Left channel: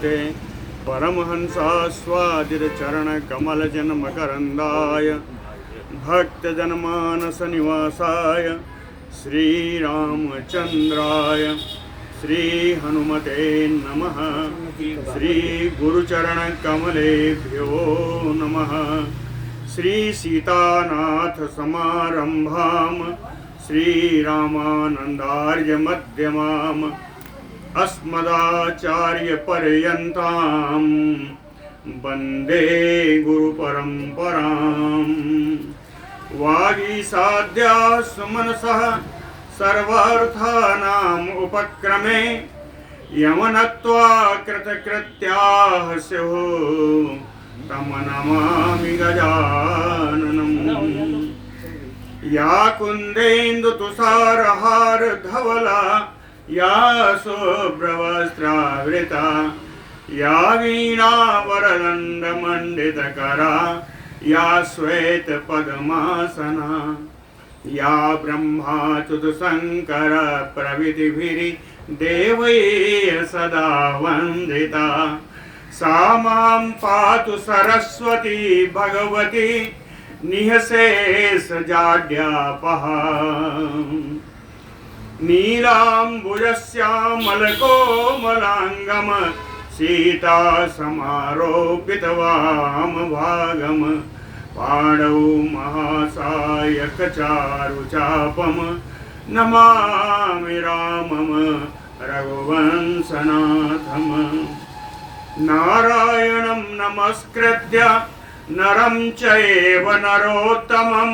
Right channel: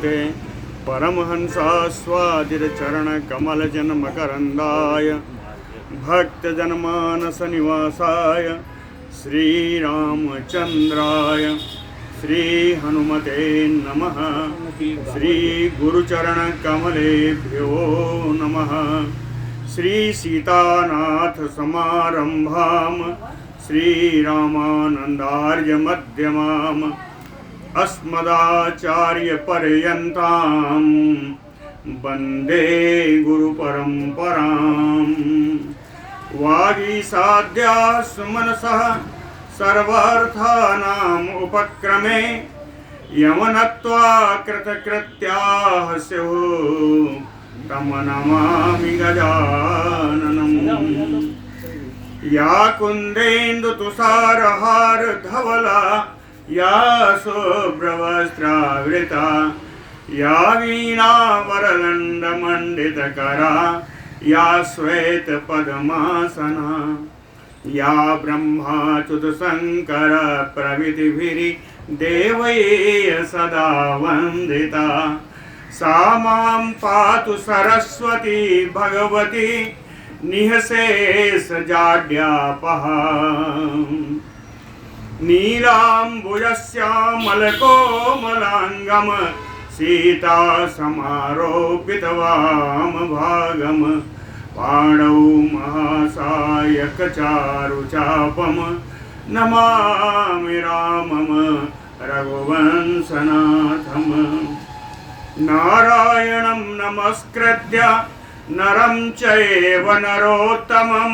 श्रीमते परमहंसास्वादितचरणकमलजन्मकरन्दाय भक्तजनमानसनिवासाय श्रीरामचन्द्राय श्रीहनुमते नमः। श्रीगुरुचरणकमलेभ्यो नमः। श्रीसीतानाथसमारम्भां श्रीरामानन्दार्यमध्यमाम् अस्मदाचार्यपर्यन्तां वन्दे गुरुपरम्पराम्। वागीसाद्याः सुमनसः सर्वार्थानाम् उपक्रमे यमनत्वा कृतकृत्याः स्युः तं नमामि गजाननम्। या कुन्देन्दुतुषारहारधवला या शुभ्रवस्त्रावृता या वीणावरदण्डमण्डितकरा या श्वेतपद्मासना या ब्रह्माच्युतशङ्कर प्रभृतिभिर्देवैः सदा वन्दिता सा मां पातु सरस्वती भगवती निःशेषजाड्यापहा। नीलाम्बुजश्यामलकोमलाङ्गं सीतासमारोपितवामभागं पाणौ महासायकचारुचापं नमामि रामं रघुवंशनाथम्। नारायणं नमस्कृत्य नरं चैव नरोत्तमं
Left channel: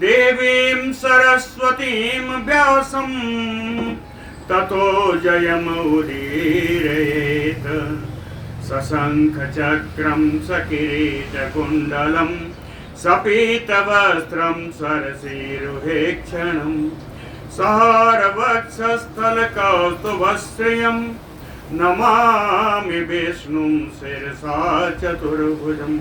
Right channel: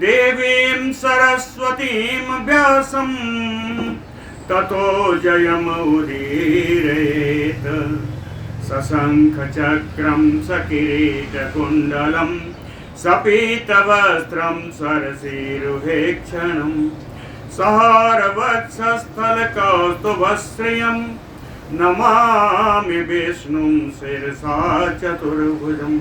देवीं सरस्वतीं व्यासं ततो जयमुदीरयेत्। सशङ्खचक्रं सकिरीटकुण्डलं सपीतवस्त्रं सरसीरुहेक्षणं सहारवक्षस्थलकौस्तुभश्रियं नमामि विष्णुं शिरसा चतुर्भुजम्।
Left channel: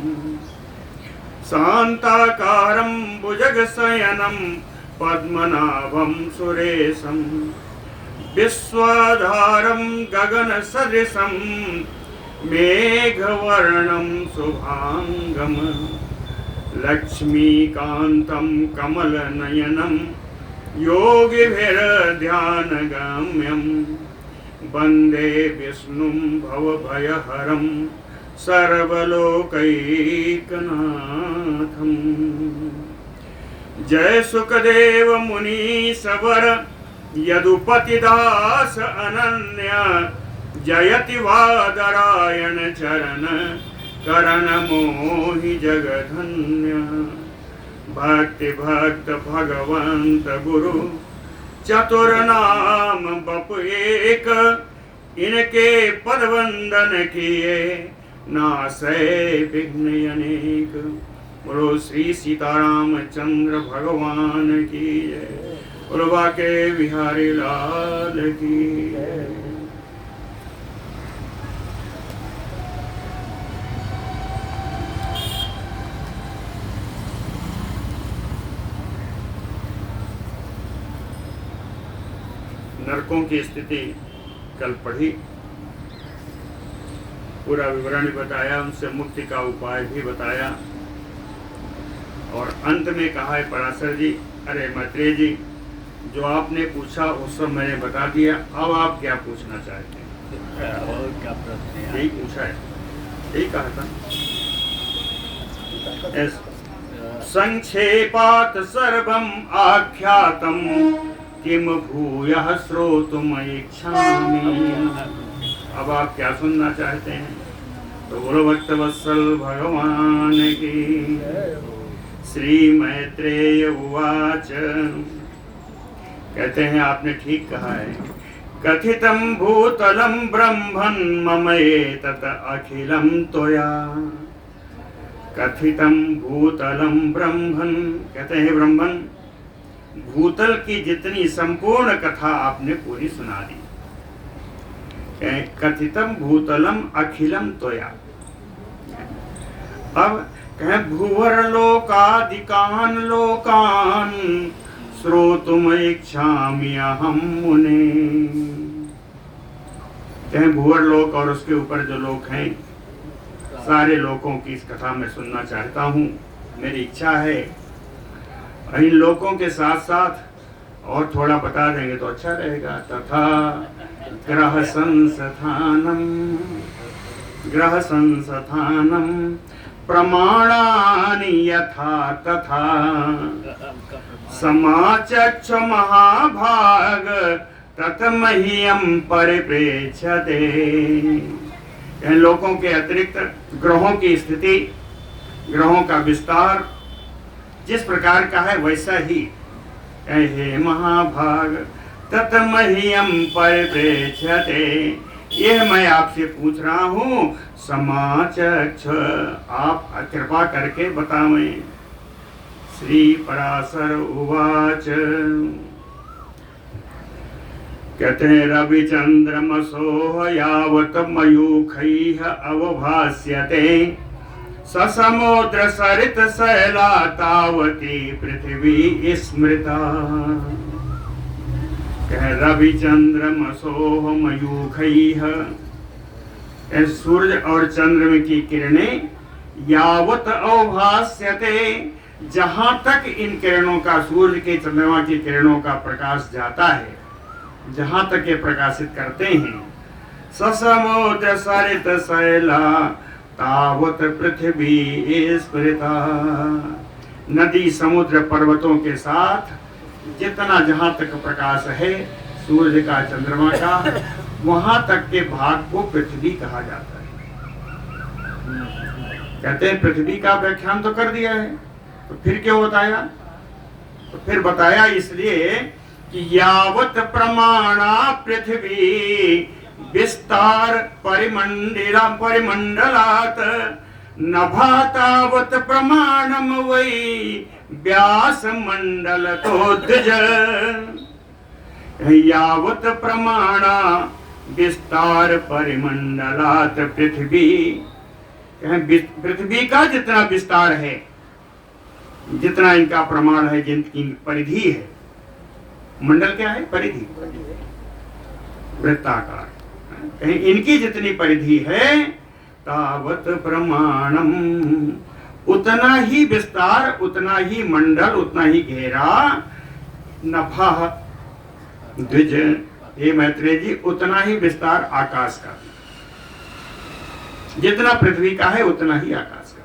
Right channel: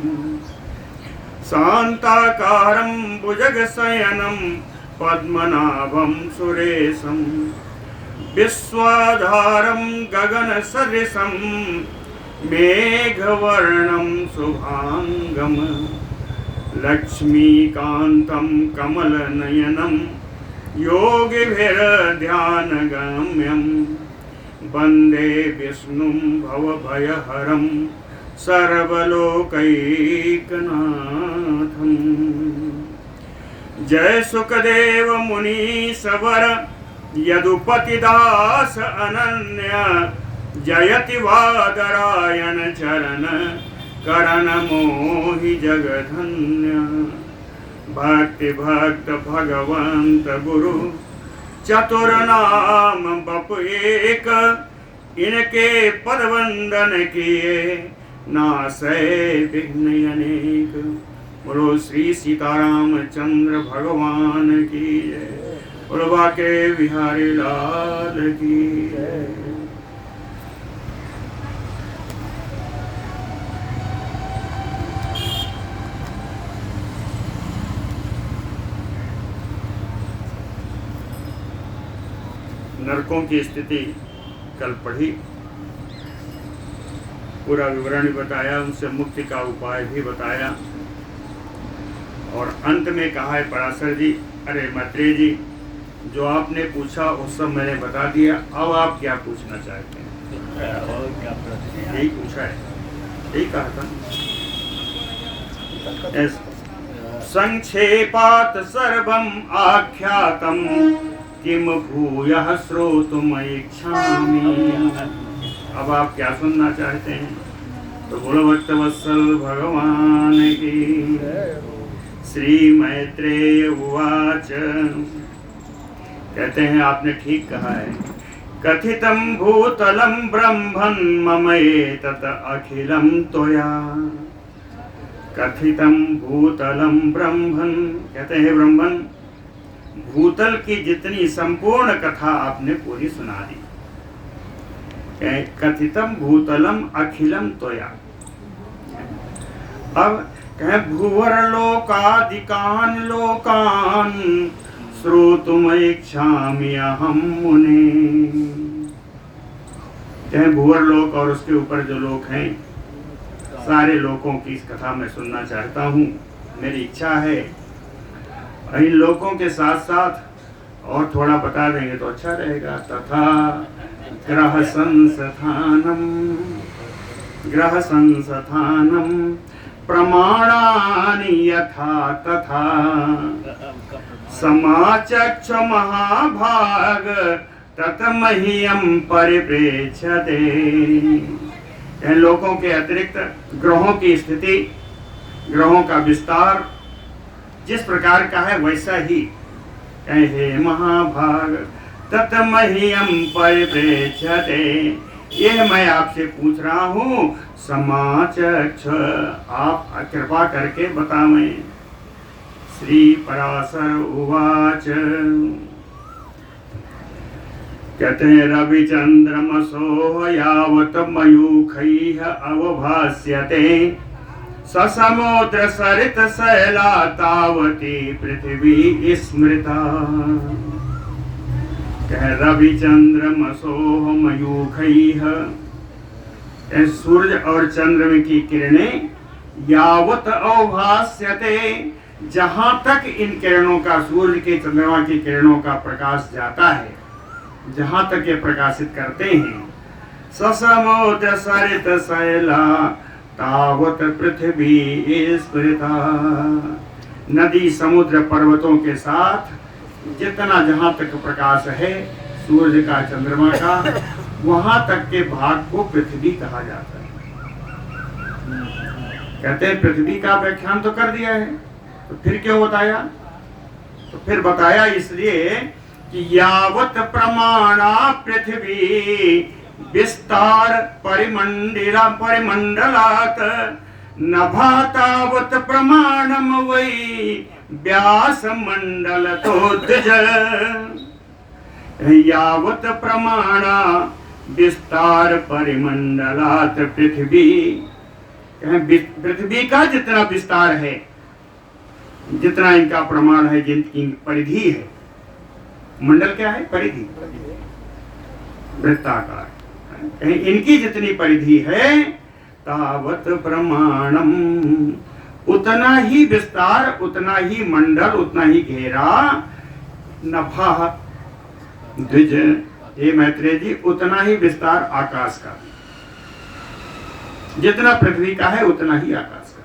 शान्ताकारं भुजगशयनं पद्मनाभं सुरेशं विश्वाधारं गगनसदृशं मेघवर्णं शुभाङ्गं लक्ष्मीकान्तं कमलनयनं योगिभिर्ध्यानगम्यं वन्दे विष्णुं भवभयहरं सर्वलोकैकनाथम्। जय सुखदेव मुनीश्वर यदुपतिदास अनन्य जयति वादरायण चरण करण मोहि जगधन्य। भक्ति भक्त भगवंत गुरु चतुर्नाम बप एक इनके पद वंदन किए नासै विघ्न अनेक। बोलो श्री सीतारामचंद्र भगवान की जय। बोलो बाके बिहारी लाल की जय। नरकों की स्थिति कल पढ़ी, पूरा विवरण बताया, उनसे मुक्ति का उपाय भी बताया और अंत में कहा है पराशर जी, अरे मैत्रेय जी, जो आपने पूछा वो सब मैंने बता दिया, अब आप क्या पूछना चाहते हैं? और क्या प्रश्न है? यही पूछा है, यही कहा था। संक्षेपात सर्वम आख्यातम किम भूयः श्रोतुमिच्छामि। अब आप क्या सुनना चाहते हैं? तो बोलो भक्तवत्सल भगवान की। श्री मैत्रेय उवाच, कहते हैं आपने ठीक कहा है। कथितं भूतलं ब्रह्मन् ममैतत् अखिलं त्वया। कथितं भूतलं ब्रह्मन्, कहते हैं ब्रह्मन्, भूतल की जितनी संपूर्ण कथा आपने पूरी सुना दी। कथितम भूतलम अखिलम त्वया। अब कहे भूवर लोकादिकान लोकान श्रोतुमिच्छामि अहं मुने। कहें भूवर लोक और उसके ऊपर जो लोक हैं, सारे लोकों की इस कथा में सुनना चाहता हूँ। मेरी इच्छा है इन लोकों के साथ साथ और थोड़ा बता देंगे तो अच्छा रहेगा। तथा ग्रह संस्थानम प्रमाणानि यथा तथा समाचक्ष महाभाग ततमह्यम परिप्रेक्ष्यते। इन लोकों के अतिरिक्त ग्रहों की स्थिति, ग्रहों का विस्तार जिस प्रकार का है वैसा ही हे महाभाग ततमह्यम परिप्रेक्ष्यते, यह मैं आपसे पूछ रहा हूँ। समाचक्ष, आप कृपा करके बतावें। श्री पराशर उवाच, कहते हैं रविचंद्रमसो यावत मयूखैः अवभास्यते ससमुद्र सरित शैला तावती पृथ्वी स्मृता। कह रविचंद्रमसो मयूखैः, सूर्य और चंद्र की किरणें यावत अवभास्यते, जहां तक इन किरणों का, सूर्य के चंद्रमा की किरणों का प्रकाश जाता है, जहां तक ये प्रकाशित करते हैं, ससमुद्र सरित शैला तावत पृथ्वी स्फुरिता। नदी समुद्र पर्वतों के साथ जितना जहां तक प्रकाश है सूर्य का, चंद्रमा का, वहां तक के भाग को पृथ्वी कहा जाता है। कहते हैं पृथ्वी का व्याख्यान तो कर दिया है, तो फिर क्यों बताया? तो फिर बताया इसलिए कि यावत प्रमाणा पृथ्वी विस्तार परिमंडलात नभा तावत प्रमाणम वै व्यास मंडल तो द्विज। यावत प्रमाणा विस्तार परिमंडलात पृथ्वी, पृथ्वी का जितना विस्तार है, जितना इनका प्रमाण है, जिनकी परिधि है, मंडल क्या है? परिधि, वृत्ताकार, इनकी जितनी परिधि है तावत प्रमाणम, उतना ही विस्तार, उतना ही मंडल, उतना ही घेरा। नभा द्विज, हे मैत्रेय जी, उतना ही विस्तार आकाश का, जितना पृथ्वी का है उतना ही आकाश का।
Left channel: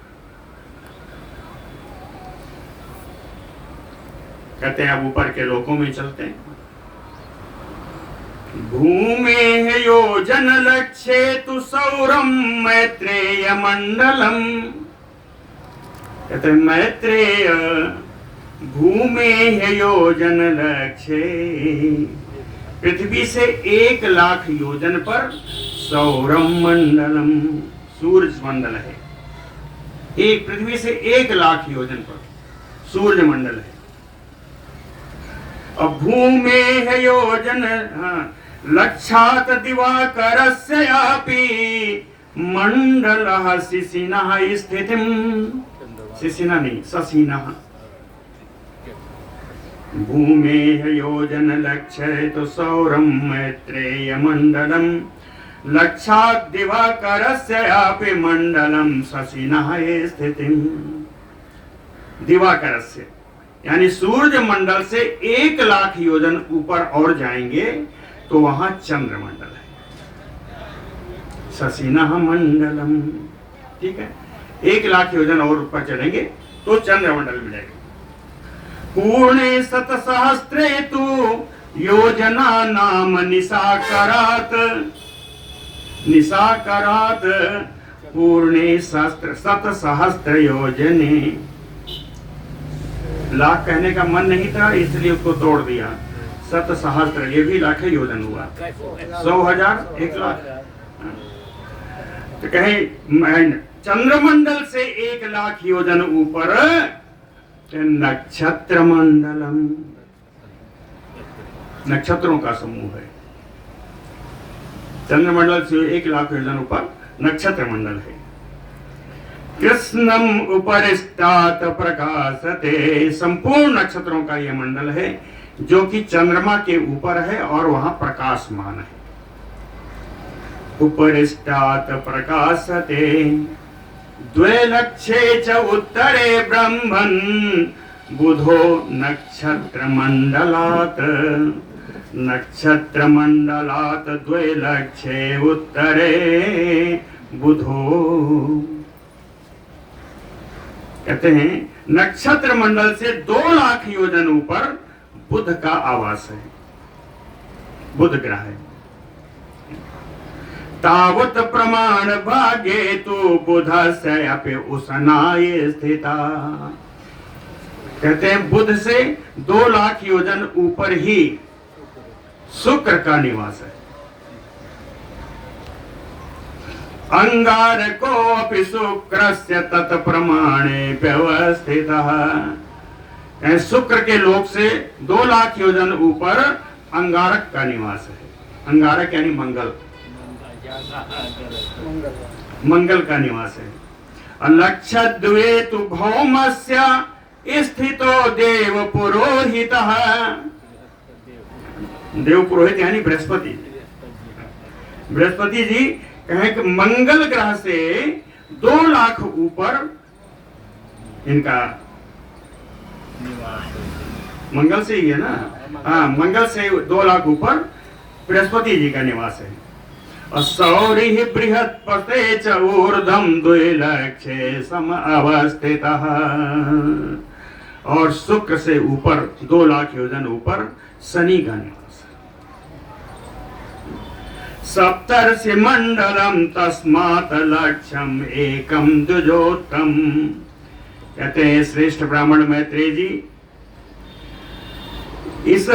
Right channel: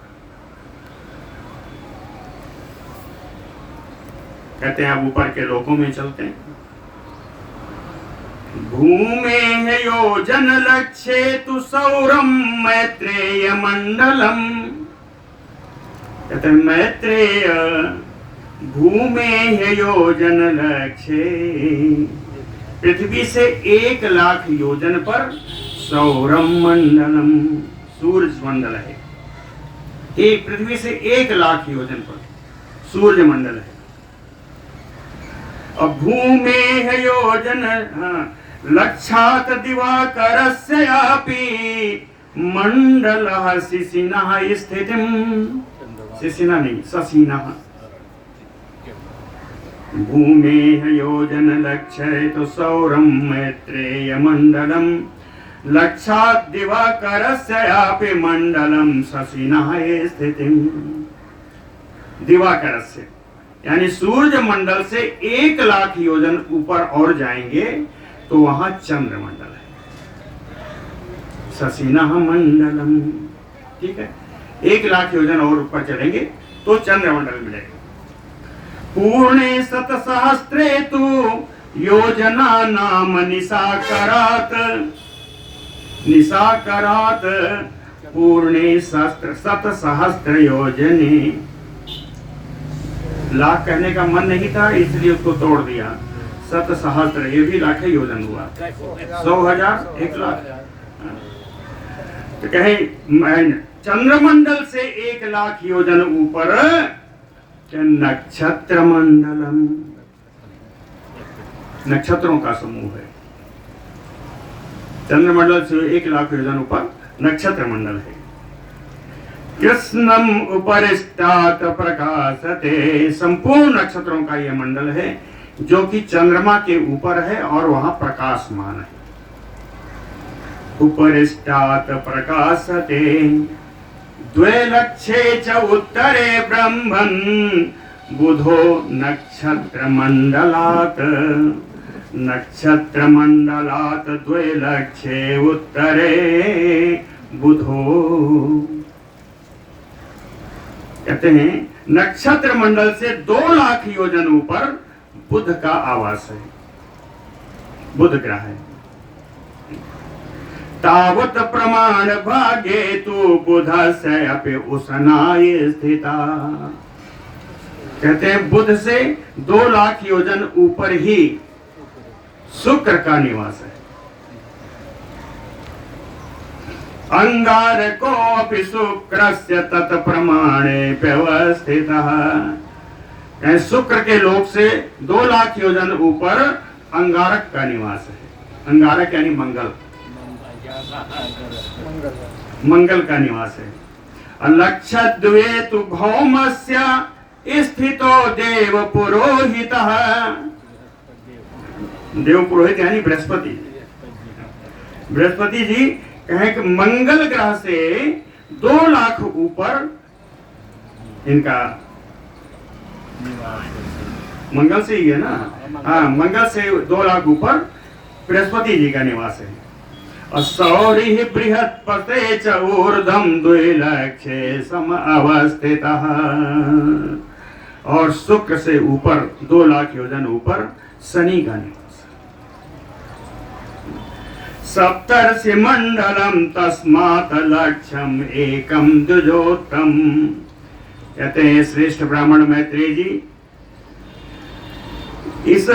कहते हैं अब ऊपर के लोकों में चलते हैं। भूमे योजन लक्ष्ये तु सौरम मैत्रेय मंडलम। कहते हैं मैत्रेय भूमे योजन लक्ष्ये, पृथ्वी से 1,00,000 योजन पर सौरम मंडलम, सूर्य मंडल है। एक पृथ्वी से 1,00,000 योजन पर सूर्य मंडल है। अब भूमे है योजन लक्षात दिवाकरस्यापि मंडलः शिशिनः स्थितिम, शिशिना नहीं शशिनः। भूमे है योजन लक्ष्य तो सौरम मैत्रेय मंडलम लक्षात दिवाकरस्यापि मंडलम शशिनः स्थितिम। दिवाकरस्य यानी सूर्य मंडल से 1,00,000 योजन ऊपर और जाएंगे तो वहां चंद्र मंडल है, शशिनः मंडलम। ठीक है, 1,00,000 योजन और ऊपर चलेंगे तो चंद्र मंडल मिलेगा। पूर्णे शतसहस्रे तु योजना नाम निशाकरात, निशाकरात पूर्णे शतसहस्र योजने। लाख कहने का मन नहीं था इसलिए उसको तोड़ दिया। शतसहस्र ये भी लाख योजन हुआ, 100,000 1,00,000। तो कहे चंद्रमंडल से 1,00,000 योजन ऊपर नक्षत्र मंडलम, नक्षत्रों का समूह है। चंद्रमंडल से 1,00,000 योजन ऊपर नक्षत्र मंडल है। कृष्णम उपरिष्टात प्रकाशते, संपूर्ण नक्षत्रों का यह मंडल है जो कि चंद्रमा के ऊपर है और वहां प्रकाशमान है। उपरिष्टात् प्रकाशते द्वे लक्षे च उत्तरे ब्रह्मन् बुधो नक्षत्रमण्डलात् नक्षत्रमण्डलात् द्वे लक्षे उत्तरे बुधो। कहते हैं नक्षत्र मंडल से 2 लाख योजन ऊपर बुध का आवास है, बुध ग्रह है। तावत प्रमाण भागे तो बुध से अपि उसनाय स्थिता। कहते हैं बुध से 2 लाख योजन ऊपर ही शुक्र का निवास है। अंगारको अपि शुक्रस्य तत्प्रमाणे व्यवस्थितः। शुक्र के लोक से 2 लाख योजन ऊपर अंगारक का निवास है। अंगारक यानी मंगल, मंगल का निवास है। लक्षद्वे तु भौमस्य स्थितो देव पुरोहितः। देव पुरोहित यानी बृहस्पति। बृहस्पति जी कहें कि मंगल ग्रह से 2 लाख ऊपर इनका मंगल से ही है ना। हाँ, मंगल से 2 लाख ऊपर बृहस्पति जी का निवास है। और सौरि बृहस्पते च ऊर्ध्वं 2 लक्षे सम अवस्थितः। और शुक्र से ऊपर 2 लाख योजन ऊपर शनि का निवास। सप्तर्षि मंडलम तस्मात् लक्ष्यम एकम द्विजोत्तम। कहते हैं श्रेष्ठ ब्राह्मण मैत्रेय जी, इस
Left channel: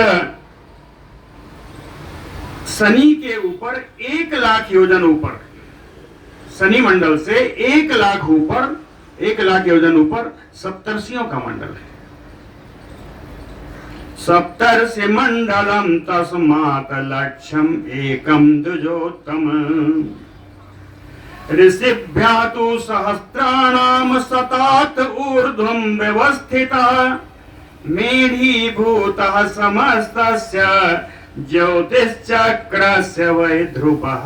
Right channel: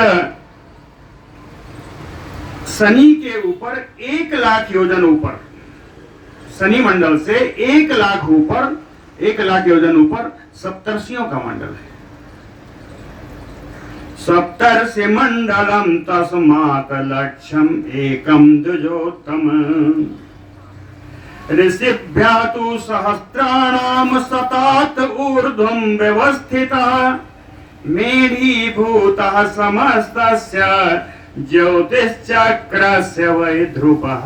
शनि के ऊपर 1 लाख योजन ऊपर, शनि मंडल से 1 लाख ऊपर, 1 लाख योजन ऊपर सप्तर्षियों का मंडल है। सप्तर्षि मंडलम तस्मात् लक्ष्यम एकम द्विजोत्तम। ऋषिभ्यः तु सहस्राणाम शतात् ऊर्ध्वं व्यवस्थितः। मेढीभूतः समस्तस्य ज्योतिश्चक्रस्य वै ध्रुवः।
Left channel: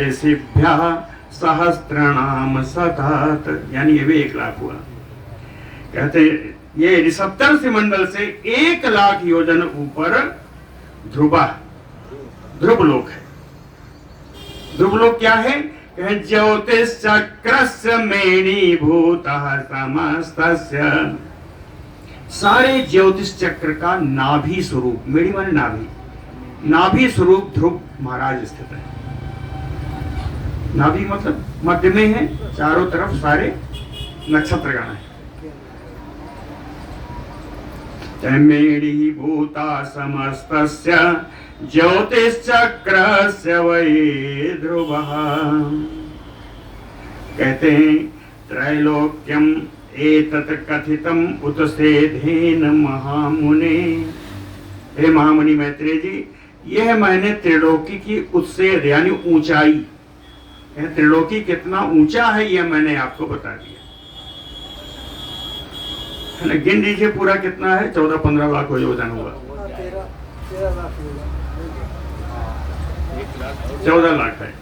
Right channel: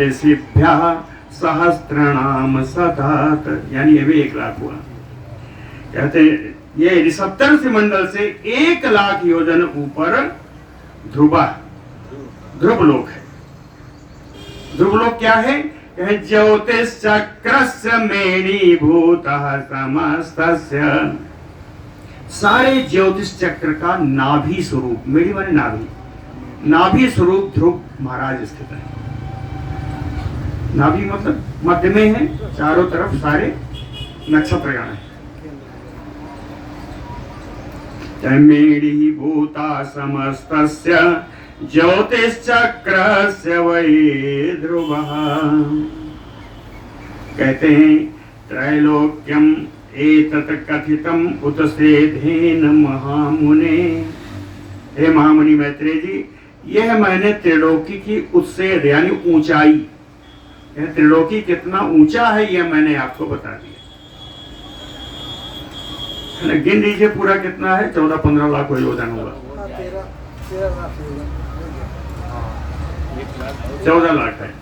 ऋषिभ्यः सहस्राणाम शतात् यानी ये भी 1 लाख हुआ। कहते ये सप्तर्षि मंडल से 1 लाख योजन ऊपर ध्रुवा, ध्रुवलोक है। ध्रुवलोक क्या है? कहे ज्योतिष चक्रस्य मेणीभूतः समस्तस्य। सारे ज्योतिष चक्र का नाभि स्वरूप, मेरी माने नाभि, नाभि स्वरूप ध्रुव महाराज स्थित है। नाभि मतलब मध्य में है, चारों तरफ सारे नक्षत्रगण है। मेढीभूता समस्तस्य ज्योतिश्चक्रस्य वै ध्रुवः। कहते हैं त्रैलोक्यम एतत् कथितम उत्सेधेन महामुने। हे महामुनि मैत्रेय जी, यह मैंने त्रिलोकी की उत्सेध यानी ऊंचाई, त्रिलोकी कितना ऊंचा है यह मैंने आपको बता दिया। गिन लीजिए पूरा कितना है, 14-15 लाख हो योजन होगा। 14 लाख है।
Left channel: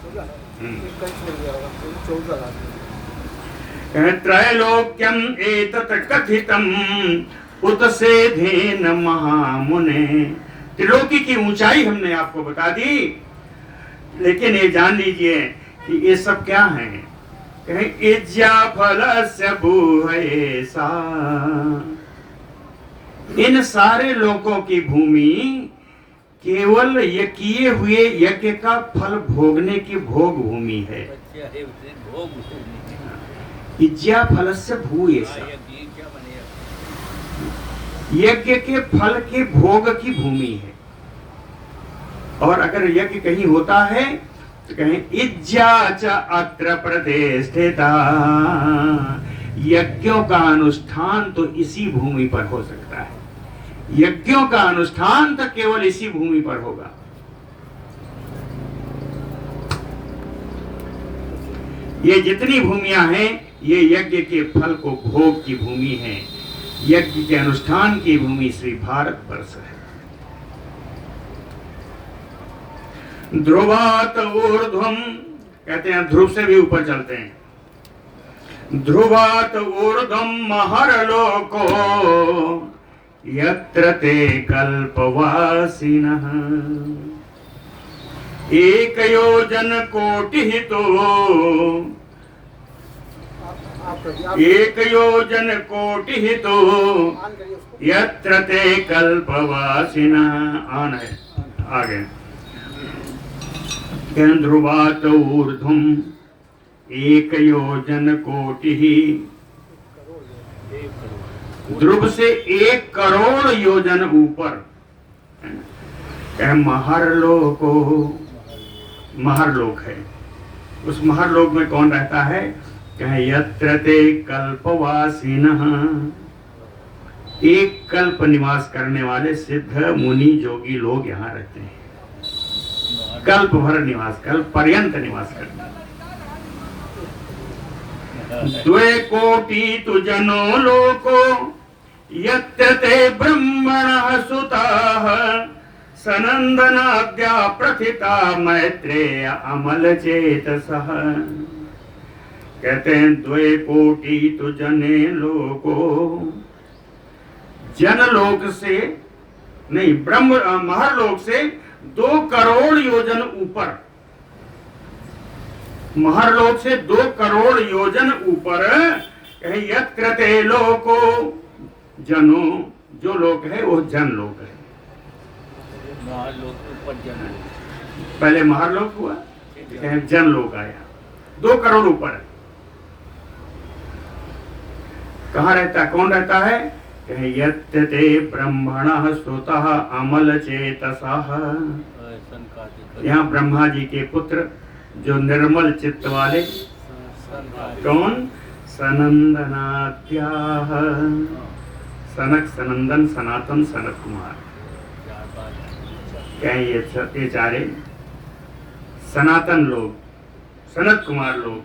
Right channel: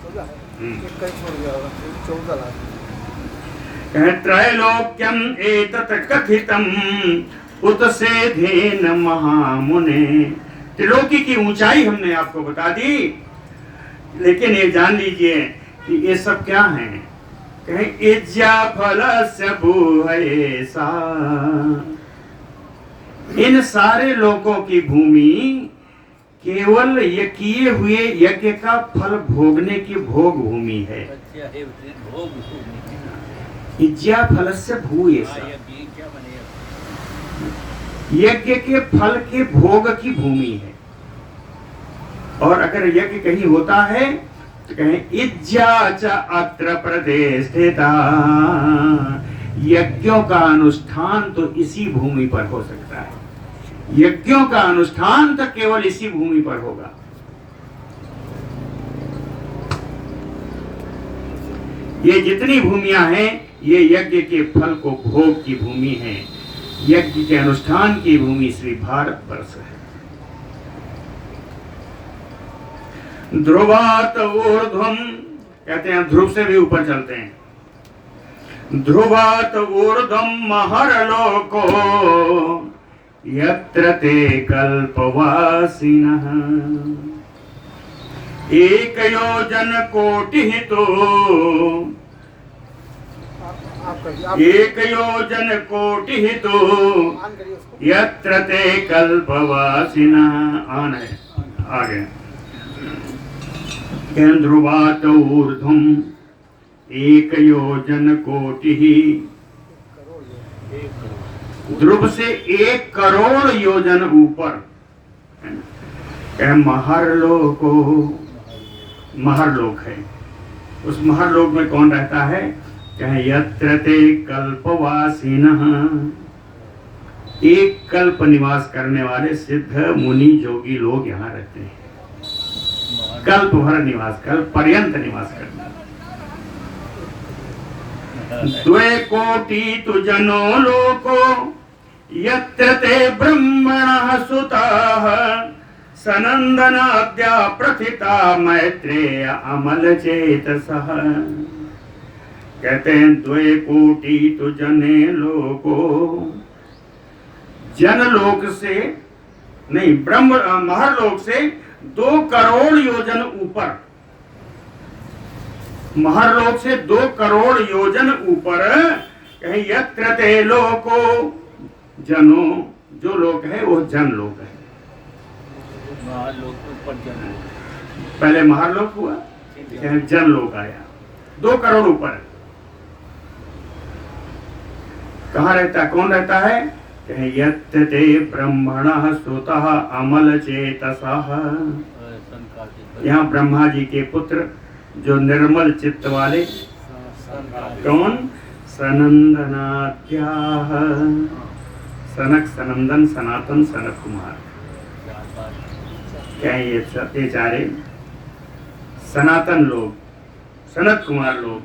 त्रैलोक्यम एतत् कथितम उत्सेधेन महामुने। त्रिलोकी की ऊंचाई हमने आपको बता दी, लेकिन ये जान लीजिए कि ये सब क्या है। इज्जा फलस्य भूयसा। इन सारे लोगों की भूमि केवल ये किए हुए यज्ञ का फल भोगने की भोग भूमि है। इज्जा फलस्य भूयसा, यज्ञ के फल के भोग की भूमि है। और अगर यज्ञ कहीं होता है कहें इज्जा च अत्र प्रतिष्ठिता। यज्ञों का अनुष्ठान तो इसी भूमि पर हो सकता है। यज्ञों का अनुष्ठान तो केवल इसी भूमि पर होगा। ये जितनी भूमियां हैं ये यज्ञ के फल को भोग की भूमि है। यज्ञ के अनुष्ठान की भूमि श्री भारतवर्ष है। ध्रुवात ऊर्ध्वम, कहते हैं ध्रुव से भी ऊपर चलते हैं। ध्रुवात ऊर्ध्वम महरलोको यत्र ते कल्पवासिनः एक योजन कोटि तो एक योजन कोटि तो यत्र ते कल्पवासिनः। आन है आगे। ध्रुवात ऊर्ध्वम एक योजन कोटि, ध्रुव से 1 करोड़ योजन ऊपर। महरलोको, महरलोक है। उस महरलोक में कौन रहता है? कहे यत्र ते कल्पवासिनः, एक कल्प निवास करने वाले सिद्ध मुनि जोगी लोग यहाँ रहते हैं। कल्प भर निवास, कल्प पर्यंत निवास करना। द्वे कोटि तु जनो लोको यत्र ते ब्रह्मणः सुताः सनंदनाद्या प्रथिता मैत्रेय अमल चेतसः। कहते हैं द्वे कोटि तु जने लोको, जनलोक से नहीं, ब्रह्म महरलोक से 2 करोड़ योजन ऊपर, महरलोक से 2 करोड़ योजन ऊपर कहीं यत्र ते लोको, जनो, जो लोक है वो जन लोक है। महालोक तो ऊपर जन, पहले महरलोक हुआ, जन लोक आया, 2 करोड़ ऊपर। कहाँ रहता, कौन रहता है? कहीं यत्र ते ब्रह्मणः स्तुतः अमल चेतसः। यहाँ ब्रह्मा जी के पुत्र जो निर्मल चित्त वाले, कौन? सनंदनाद्याः, सनक, सनंदन, सनातन, सनत कुमार। क्या ये चारे सनातन लोग, सनत कुमार लोग,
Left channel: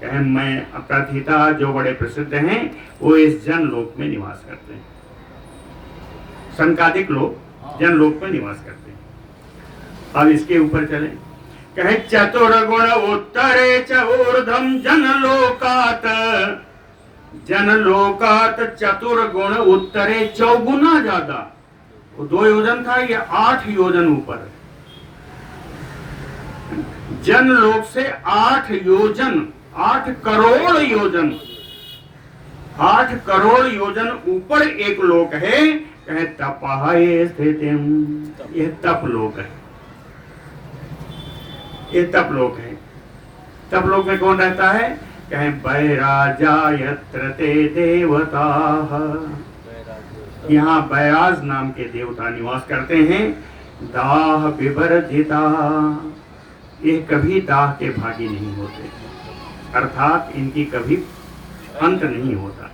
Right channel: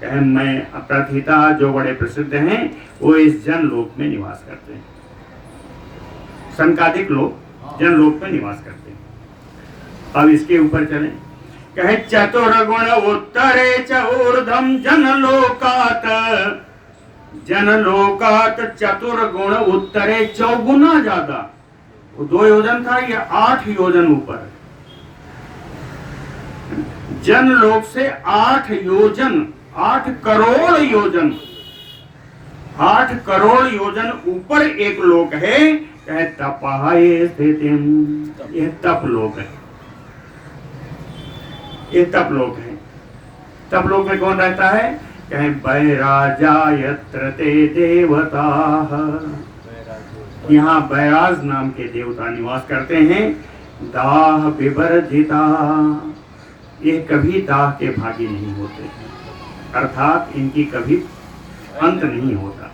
कहे मैं प्रथिता जो बड़े प्रसिद्ध हैं वो इस जन लोक में निवास करते हैं। संकादिक लोग जन लोक में निवास करते हैं। अब इसके ऊपर चले। कहे चतुर्गुण उत्तरे च ऊर्ध्वम जनलोकात, जनलोकात चतुर्गुण उत्तरे, 4 गुना ज्यादा। वो 2 योजन था, ये 8 योजन ऊपर। जनलोक से 8 योजन, 8 करोड़ योजन, 8 करोड़ योजन ऊपर एक लोक है। कहे तपः स्थितिम, ये तप लोक है, ये तप लोक है। तप लोक में कौन रहता है? कहे बैराजा यत्र ते देवताः, यहाँ बैराज नाम के देवता निवास करते हैं। दाह विवर्जिता, ये कभी दाह के भागी नहीं होते, अर्थात इनकी कभी अंत नहीं होता।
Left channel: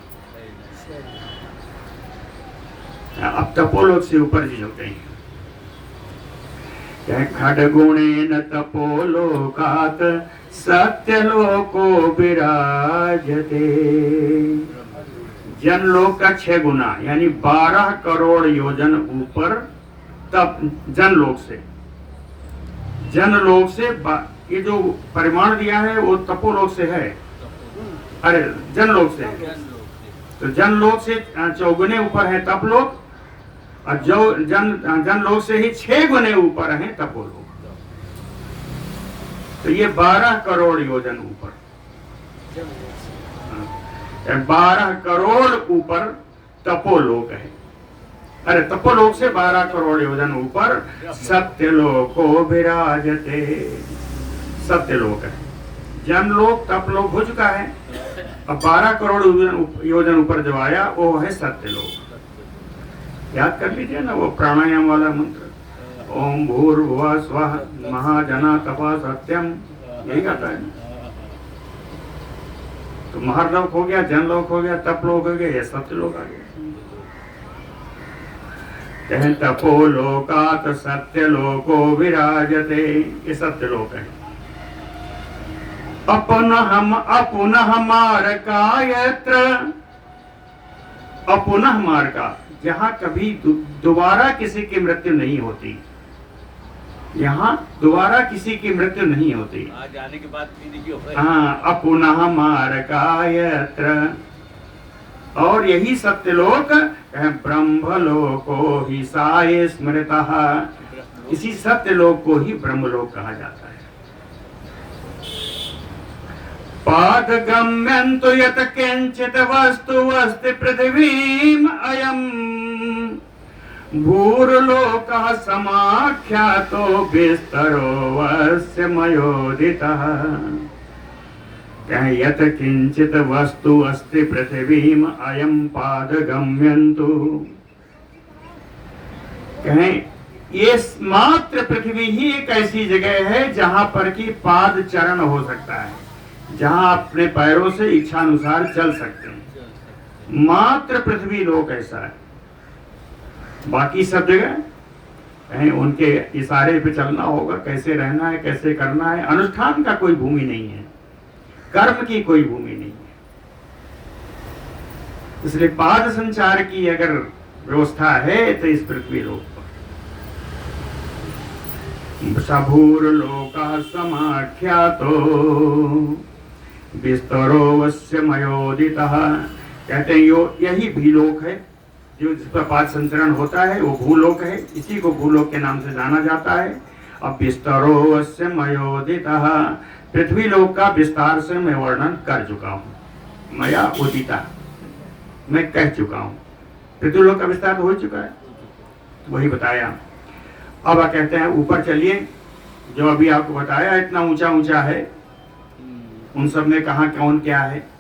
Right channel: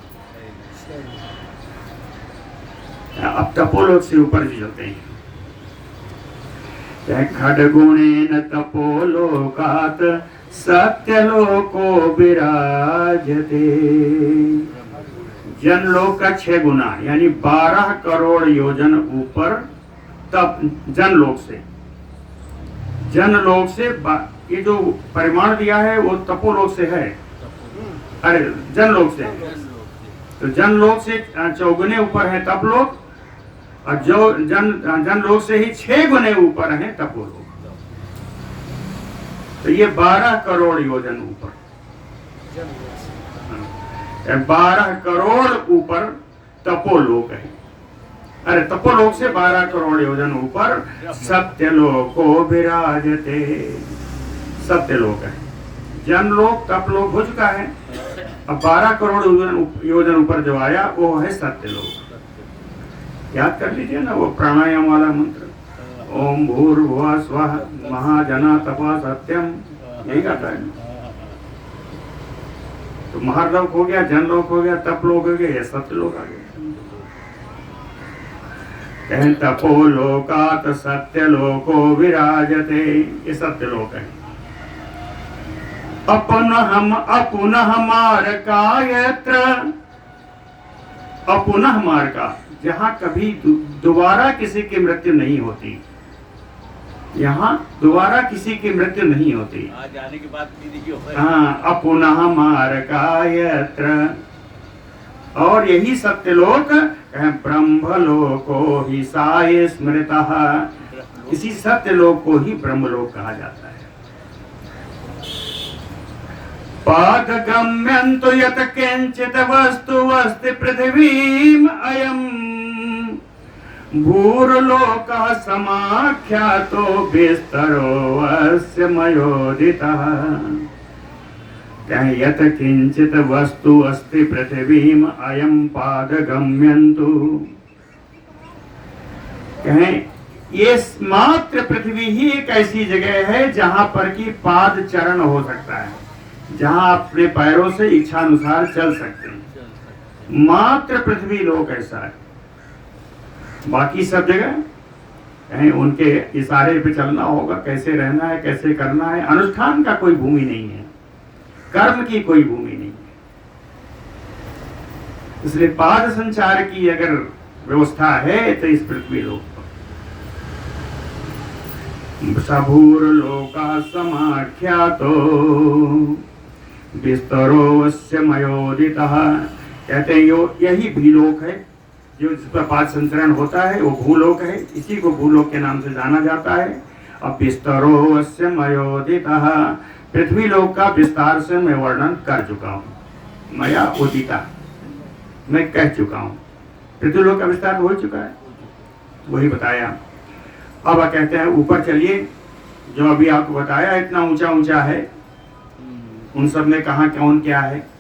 अब तपोलोक से ऊपर चलते हैं। खड्गुणेन तपोलोकात् सत्यलोको विराजते। जनलोक का 6 गुना यानी 12 करोड़ योजन ऊपर तप, जनलोक से, जनलोक से ये जो परिमाण दिया है वो तपोलोक से है, अरे जनलोक से है। तो जनलोक से 4 गुने ऊपर है तपलोक, और जो जनलोक से ही 6 गुने ऊपर है तपोलोक। तो ये 12 करोड़ योजन ऊपर, 12 करोड़ ऊपर तपोलोक है। अरे तपोलोक से 12 करोड़ योजन ऊपर सत्यलोको विराजते, सत्यलोक है। जनलोक तपलोक हो चुका है, अब 12 करोड़ योजन ऊपर जो आया वो है सत्यलोक। याद कर लीजिए ना वो प्राणायाम वाला मंत्र, ओम भूर्भुवः स्वः महाजना तपा सत्यम, यही आता है। तो महरलोक हो गया, जनलोक हो गया, तपलोक हो गया, ये सत्यलोक आ गया। कहें तपोलोकात् सत्यलोको विराजते, ये सत्यलोक है। अपुनः मारकायत्र, अपुनः मारका, जहां कभी दोबारा किसी की मृत्यु नहीं होती। यहाँ दोबारा किसी की मृत्यु नहीं होती। आज आने के बाद भी नहीं होगा। हाँ, अपुनः मारकायत्र। और यही सत्यलोक ब्रह्मलोको ही साये स्मृतः। इसी सत्यलोक को ही ब्रह्मलोक कहा जाता है। पादगम्यन्तु यत् किंचित् वस्तु अस्ति पृथिवीम् अयम् भूर्लोकः समाख्यातो विस्तरो अस्य मयोदितः। कहें यत् किंचित् वस्तु अस्ति पृथिवीम् अयम् पादगम्यन्तु। कहें ये मात्र पृथ्वी ही एक ऐसी जगह है जहां पर कि पाद चरण हो सकता है, जहां अपने पैरों से इच्छानुसार चल सकते हैं। मात्र पृथ्वी लोक ऐसा है। बाकी सब जगह उनके इशारे पे चलना होगा, कैसे रहना है, कैसे करना है। अनुष्ठान का कोई भूमि नहीं है, कर्म की कोई भूमि नहीं है। इसलिए पाद संचार की अगर व्यवस्था है तो इस पृथ्वी लोक सबूर लोका समाख्यातो विस्तरो अस्य मयोदितः। कहते हैं यही भूलोक है जो जिस पर पाद संचरण होता है, वो भूलोक है। इसी को भूलोक के नाम से जाना जाता है। अब विस्तरो अस्य मयोदितः, पृथ्वी लोक का विस्तार से मैं वर्णन कर चुका हूँ। मया उदिता, मैं कह चुका हूँ। पृथ्वी लोक का विस्तार हो चुका है, वही बताया। अब कहते हैं ऊपर चलिए, जो अभी आपको बताया इतना ऊंचा ऊंचा है, उन सब में कहा कौन क्या है।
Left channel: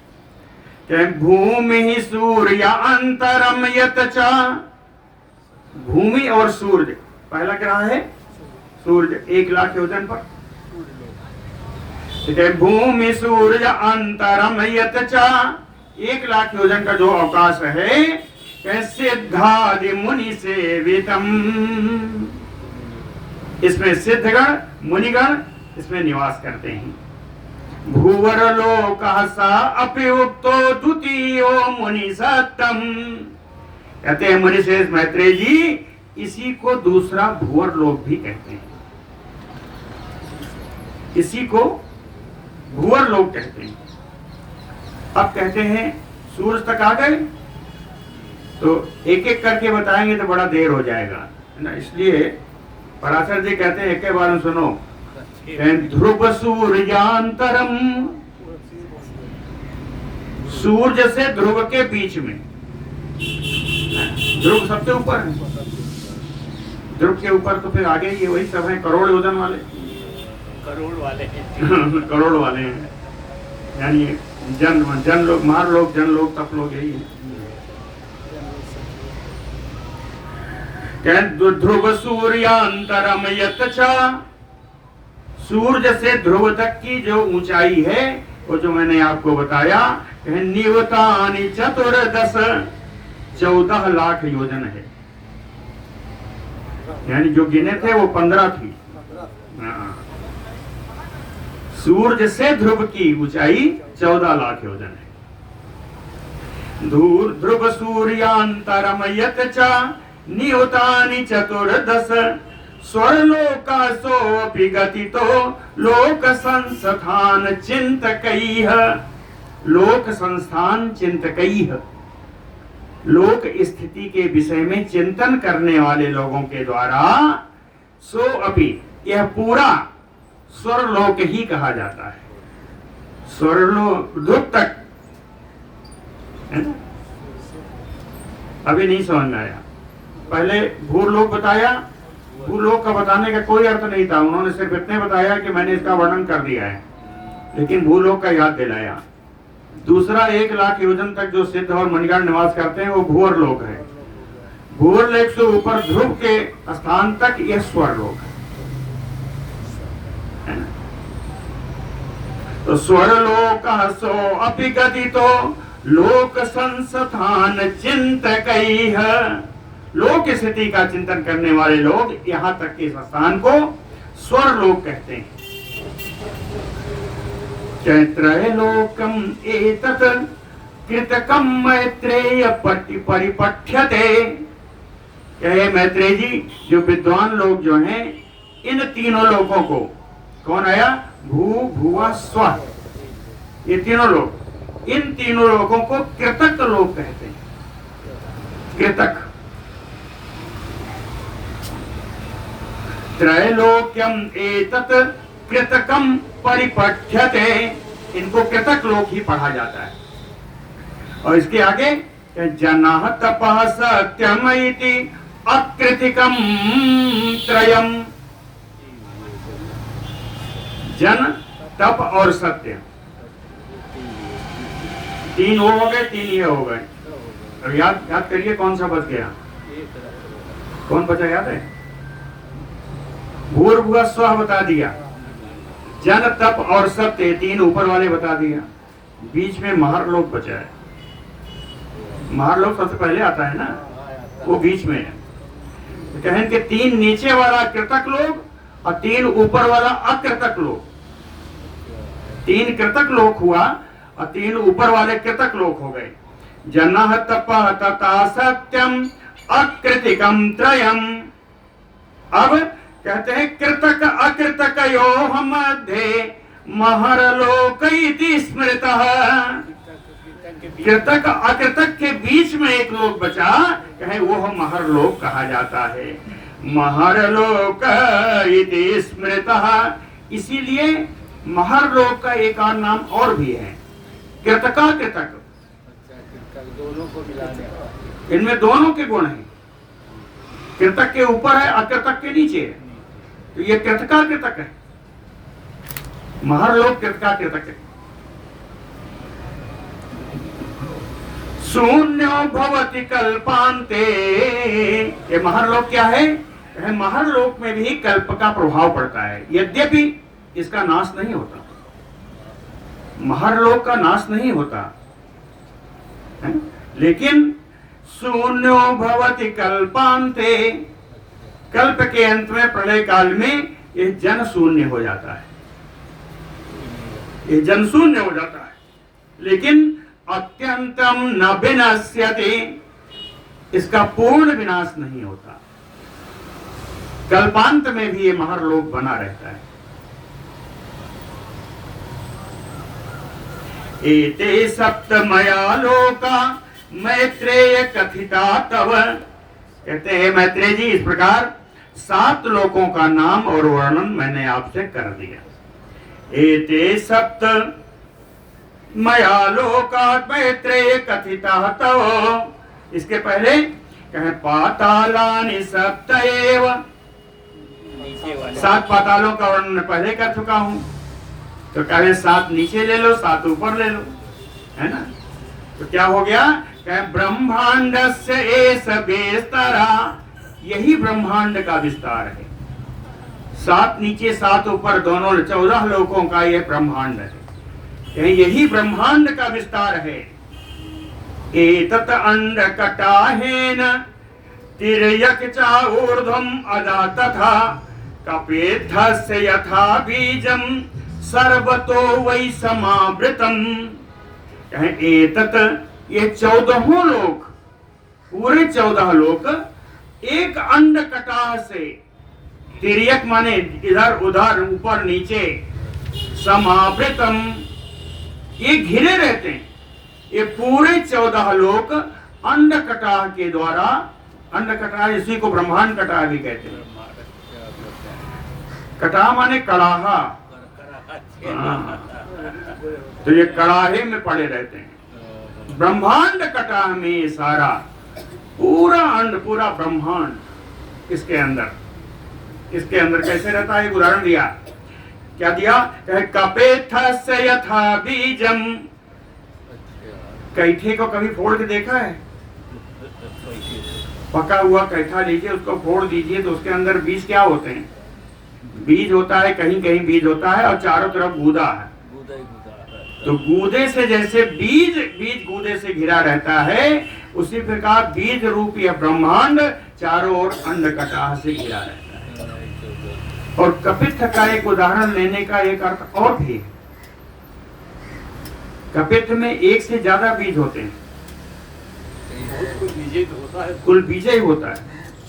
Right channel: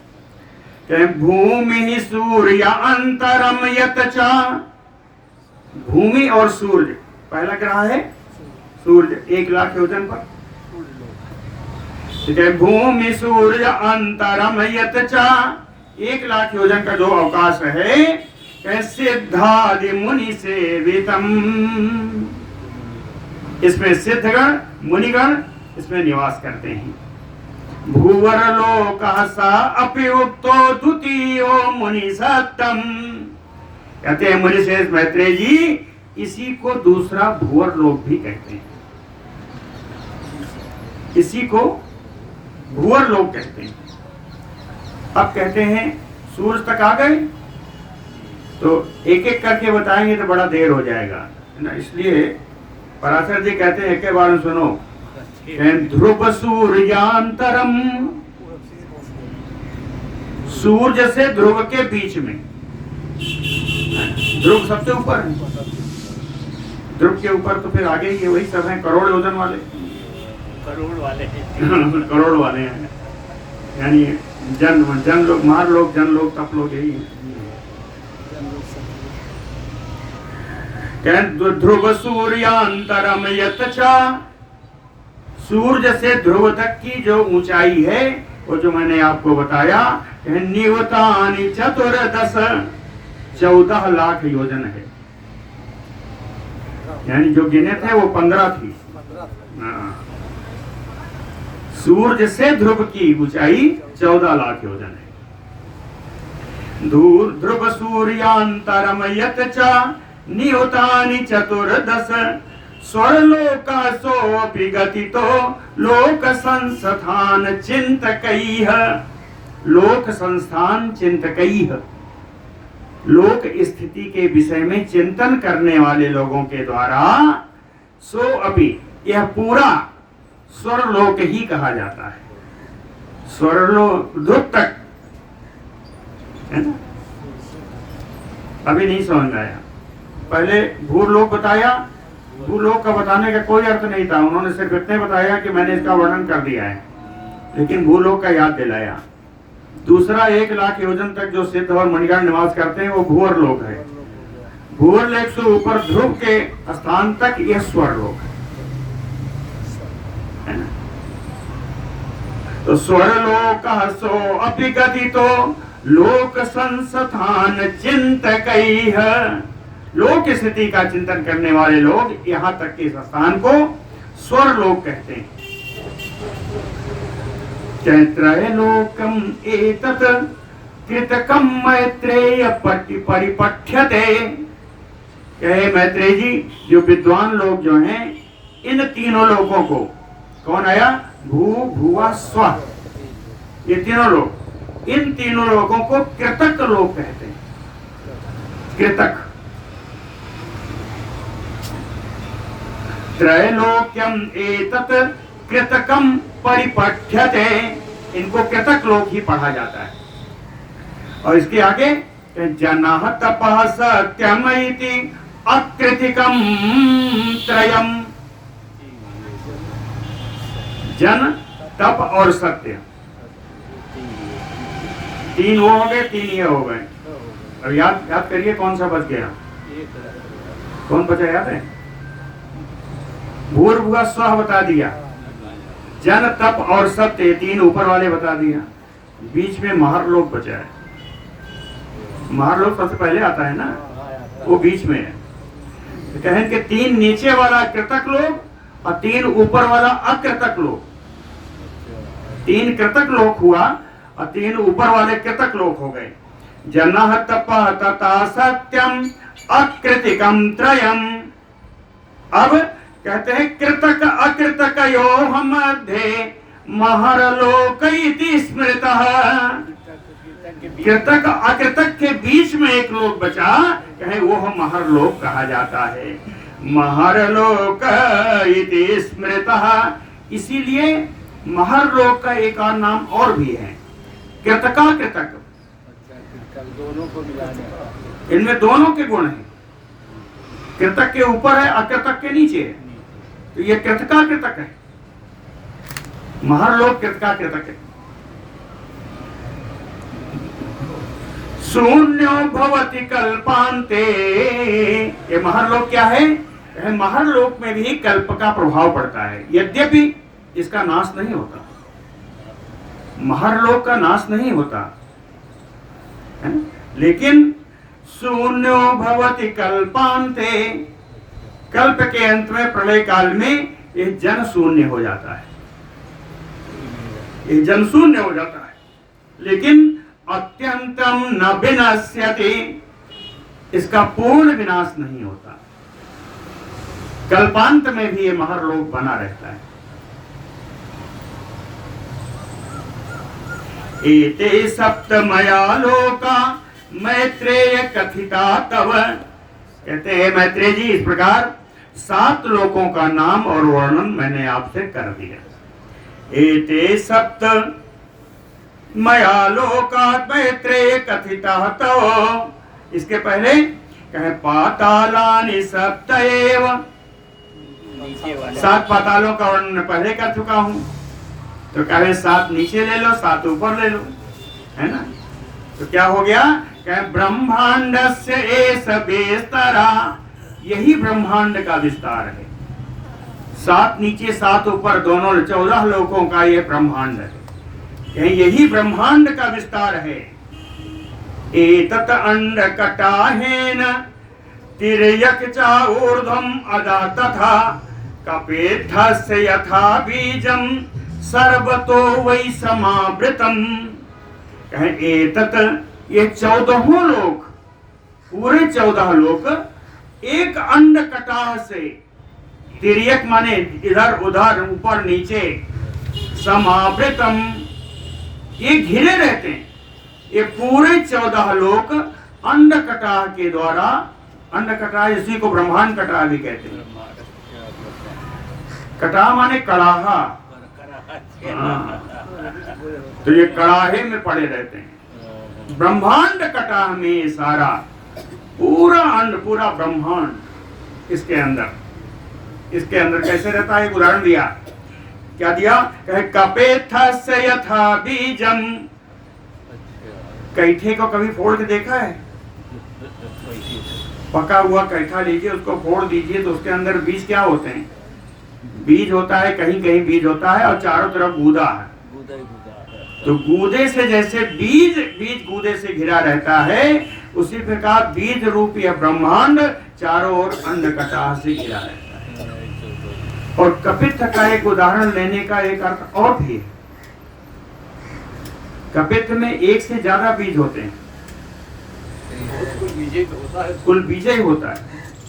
भूमि सूर्य अंतरम यत च। भूमि और सूर्य, पहला ग्रह है सूर्य 1 लाख योजन पर। भूमि सूर्य अंतरम यत च, 1 लाख योजन का जो अवकाश है, सिद्धादि मुनि सेवितम। इसमें सिद्धगण मुनिगण इसमें निवास करते हैं। भूवर लोकः स अपि उक्तो द्वितीयो मुनि सत्तम। कहते हैं मुनि श्रेष्ठ मैत्रेय जी, इसी को दूसरा भूवर लोक भी कहते हैं। इसी को भूवर लोक कहते हैं। अब कहते हैं सूरज तक आ गए, तो एक एक करके बताएंगे तो बड़ा देर हो जाएगा ना। इसलिए पराशर जी कहते हैं, एक बार सुनो। ध्रुव सूर्यांतरम, सूर्य से ध्रुव के बीच में। ध्रुव सबसे ऊपर है, ध्रुव के ऊपर तो फिर आगे ये वही सब है, करोड़ योजन वाले। करोड़ वाले करोड़ वाले हैं, यानी जन लोग, मार लोग, जन लोग, तप लोग, यही है। ध्रुव सूर्यांतरम यत च। सूर्य से ध्रुव तक की जो ऊंचाई है, वो जो मैंने आपको बताया, निवतानि 14 लाख योजन है। यानी जो गिने थे वो 15 थी। सूर्य से ध्रुव की ऊंचाई 14 लाख योजन है। ध्रुव सूर्यांतरम यत च नियुतानि 14 स्वर्लोकासोऽपि गतितो लोक संस्थान चिंतकैः। लोक संस्थान चिंतकैः, लोक स्थिति के विषय में चिंतन करने वाले लोगों के द्वारा सो अपि, यह पूरा स्वर्लोक ही कहा जाता है। स्वर्लोक ध्रुव तक है ना। अभी नहीं समझ में आया। पहले भूलोक बताया, भूलोक का बताने का कोई अर्थ नहीं था। उन्होंने सिर्फ इतने बताया कि मैंने इसका वर्णन कर दिया है, लेकिन भूलोक का याद दिलाया। दूसरा 1 लाख योजन तक जो सिद्ध और मणिगण निवास करते हैं, वो भूवर लोक है। भूवर लोक से ऊपर ध्रुव के स्थान तक यह स्वर्लोक है ना। तो स्वर्लोक सो अपि गतितो लोक संस्थान चिंतकैः। लोक स्थिति का चिंतन करने वाले लोग यहाँ तक के स्थान को स्वर्लोक कहते हैं। चैत्रलोकम एतत् कृतकम मैत्रेय परिपठ्यते। कहे मैत्रेय जी, जो विद्वान लोग जो हैं, इन तीनों लोगों को, कौन आया? भू भुवा स्व, ये तीनों लोग, इन तीनों लोगों को कृतक लोग कहते हैं। कृतक। त्रैलोक्यम एतत् कृतकम परिपठ्यते, इनको कृतक लोग ही पढ़ा जाता है। और इसके आगे जनाः तपः सत्यम इति अकृतिकम त्रयम, जन, तप और सत्य, तीन वो हो गए, तीन ये हो गए। और याद करिए कौन सा बच गया? कौन बचा याद है? भूर्भुवः स्वः बता दिया, जन, तप और सत्य, तीन ऊपर वाले बता दिया। बीच में महारलोक बचा है। महारलोक सबसे पहले आता है ना, वो बीच में है। तो कहें कि तीन नीचे वाला कृतक लोग और तीन ऊपर वाला अकृतक लोग। तीन कृतक लोक हुआ और तीन ऊपर वाले कृतक लोक हो गए। जनाः तपः तथा सत्यम अकृतिकम त्रयम। अब कहते हैं कृतक अकृतकयोः मध्ये महरलोक इति स्मृतः। कृतक अकृतक के बीच में एक लोक बचा, कहे वो महरलोक कहा जाता है। महरलोक इति स्मृतः, इसीलिए महरलोक का एक और नाम और भी है, कृतका कृतक। दोनों को मिलाने, इनमें दोनों के गुण हैं। कृतक के ऊपर है, अकृतक के नीचे है, तो ये कृतका कृतक है। महरलोक कृतका कृतक है। शून्यो भवति कल्पान्ते, ये महरलोक क्या है? महरलोक में भी कल्प का प्रभाव पड़ता है, यद्यपि इसका नाश नहीं होता। महरलोक का नाश नहीं होता है? लेकिन शून्यो भवति कल्पान्ते, कल्प के अंत में, प्रलय काल में ये जन शून्य हो जाता है, ये जन शून्य हो जाता है। लेकिन अत्यंतम न विनश्यति, इसका पूर्ण विनाश नहीं होता। कल्पांत में भी ये महरलोक बना रहता है। एते सप्तमया लोका मैत्रेय कथिता तव, कहते हैं मैत्रेय जी इस प्रकार 7 लोकों का नाम और वर्णन मैंने आपसे कर दिया। एते सप्त मया लोका मैत्रेय कथिता तव, इसके पहले कहे पातालानि सप्त एव, 7 पातालों का वर्णन पहले कर चुका हूं। तो कहे 7 नीचे ले लो, 7 ऊपर ले लो, है ना? तो क्या हो गया? कहे ब्रह्मांडस्य एष विस्तरा, यही ब्रह्मांड का विस्तार है। 7 नीचे 7 ऊपर, दोनों 14 लोकों का ये ब्रह्मांड है। यही ब्रह्मांड का विस्तार है। एतत् अंडकटाहेन तिर्यक च ऊर्ध्वम् अदा तथा कपेद्धस्य यथा बीजं सर्वतो वै समावृतम्। एतत्, ये 14 लोक, पूरे 14 लोक एक अंडकटाह से, तिर्यक माने इधर उधर ऊपर नीचे, समावृतम, ये घिरे रहते हैं। ये पूरे 14 लोक अंडकटाह के द्वारा, अंडकटाह इसी को ब्रह्मांड कटाह भी कहते हैं। कटाह माने कड़ाहा, तो ये कड़ाहे में पड़े रहते हैं। ब्रह्मांड कटाह में सारा पूरा अंड, पूरा ब्रह्मांड इसके अंदर कैसे रहता है? एक उदाहरण दिया। क्या दिया? कपेद्धस्य यथा बीजम, कैठे को कभी फोड़ के देखा है? पका हुआ कैठा लीजिए, उसको फोड़ दीजिए, तो उसके अंदर बीज क्या होते हैं? बीज होता है, कहीं कहीं बीज होता है और चारों तरफ गूदा है। तो गूदे से जैसे बीज गूदे से घिरा रहता है, उसी प्रकार बीज रूप यह ब्रह्मांड चारों ओर अंडकटाह से घिरा रहता है। और कपित्थ का एक उदाहरण लेने का एक अर्थ और भी है। कपित्थ में एक से ज्यादा बीज होते हैं, कुल बीज ही होता है,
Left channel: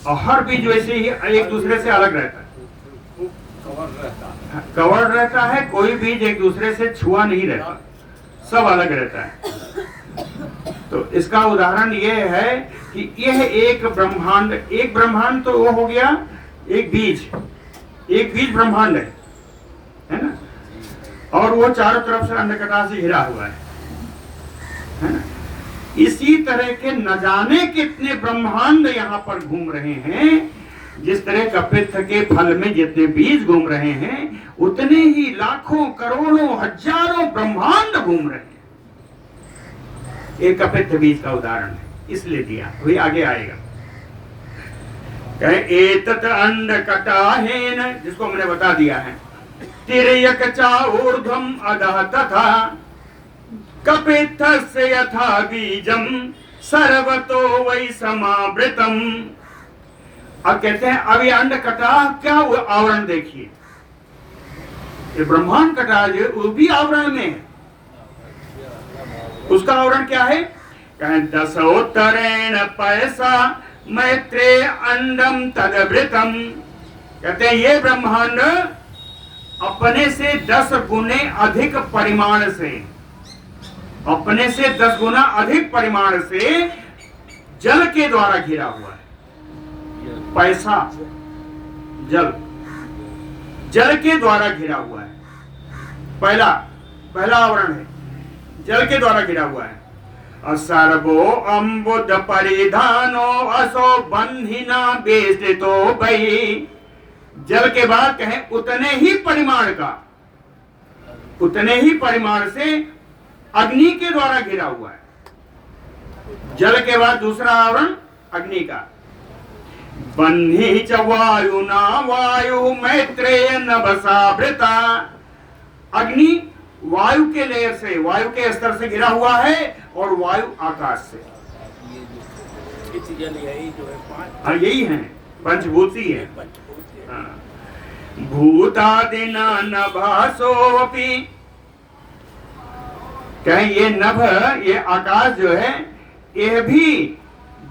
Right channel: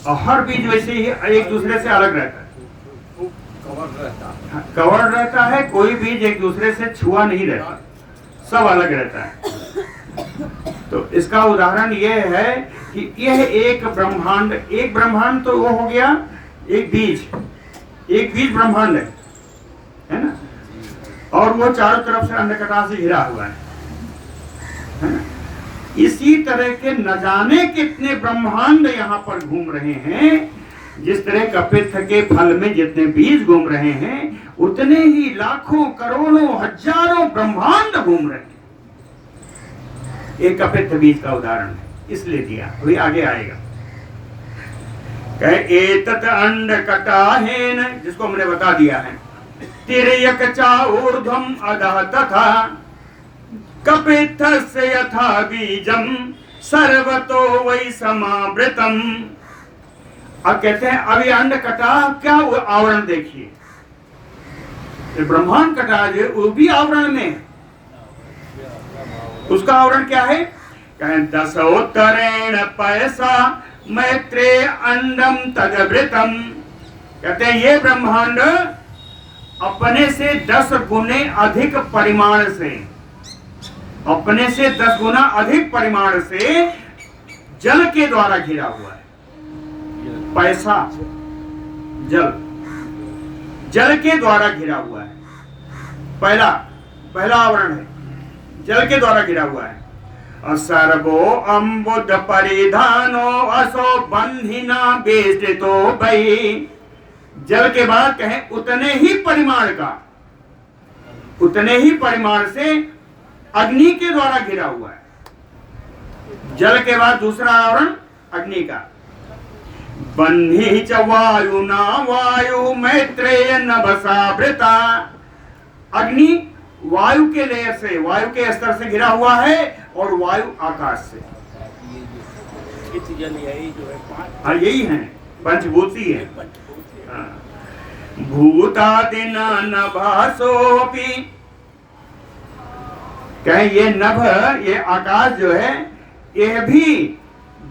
और हर बीज वैसे ही एक दूसरे से अलग रहता है। कवर रहता है। कवर रहता है, कोई बीज एक दूसरे से छुआ नहीं रहता, सब अलग रहता है। तो इसका उदाहरण यह है कि यह एक ब्रह्मांड तो वो हो गया एक बीज ब्रह्मांड है ना, और वो चारों तरफ से अन्नकटा से घिरा हुआ है ना। इसी तरह के न जाने कितने ब्रह्मांड यहाँ पर घूम रहे हैं। जिस तरह कपित्थ के फल में जितने बीज घूम रहे हैं, उतने ही लाखों करोड़ों हजारों ब्रह्मांड घूम रहे हैं। एक कपित्थ बीज का उदाहरण है, इसलिए दिया, वही आगे आएगा। कहे एतत् अंड कटाहेन, जिसको मैंने बता दिया है, तिर्यक चा ऊर्ध्वम अधः तथा कपित्थस्य यथा बीजम सर्वतो वै समावृतम। अब कहते हैं अभी अंड कटा, क्या आवरण देखिए, ये ब्रह्मांड कटा जो वो भी आवरण में है। उसका आवरण क्या है? कहें दशोत्तरेण पैसा मैत्रे अंडम तदवृतम। कहते हैं ये ब्रह्मांड अपने से 10 गुने अधिक परिमाण से, अपने से 10 गुना अधिक परिमाण से जल के द्वारा घिरा हुआ है। पैसा जल के द्वारा घिरा हुआ है। पहला आवरण है, जल के द्वारा घिरा हुआ है। सर्वो अम्बुद परिधानो असो बन्हिना बेष्टितो भई। जल के बाद कहें उतने ही परिमाण से अग्नि के द्वारा घिरा हुआ है। जल के बाद दूसरा आवरण अग्नि का। बन्ही च वायुना वायु मैत्रेय नभसावृता। अग्नि वायु के लेयर से, वायु के स्तर से घिरा हुआ है, और वायु आकाश से। जल यही जो है हाँ यही है, पंचभूती है। भूतादिना नभासोपि। कहें ये नभ, ये आकाश जो है, यह भी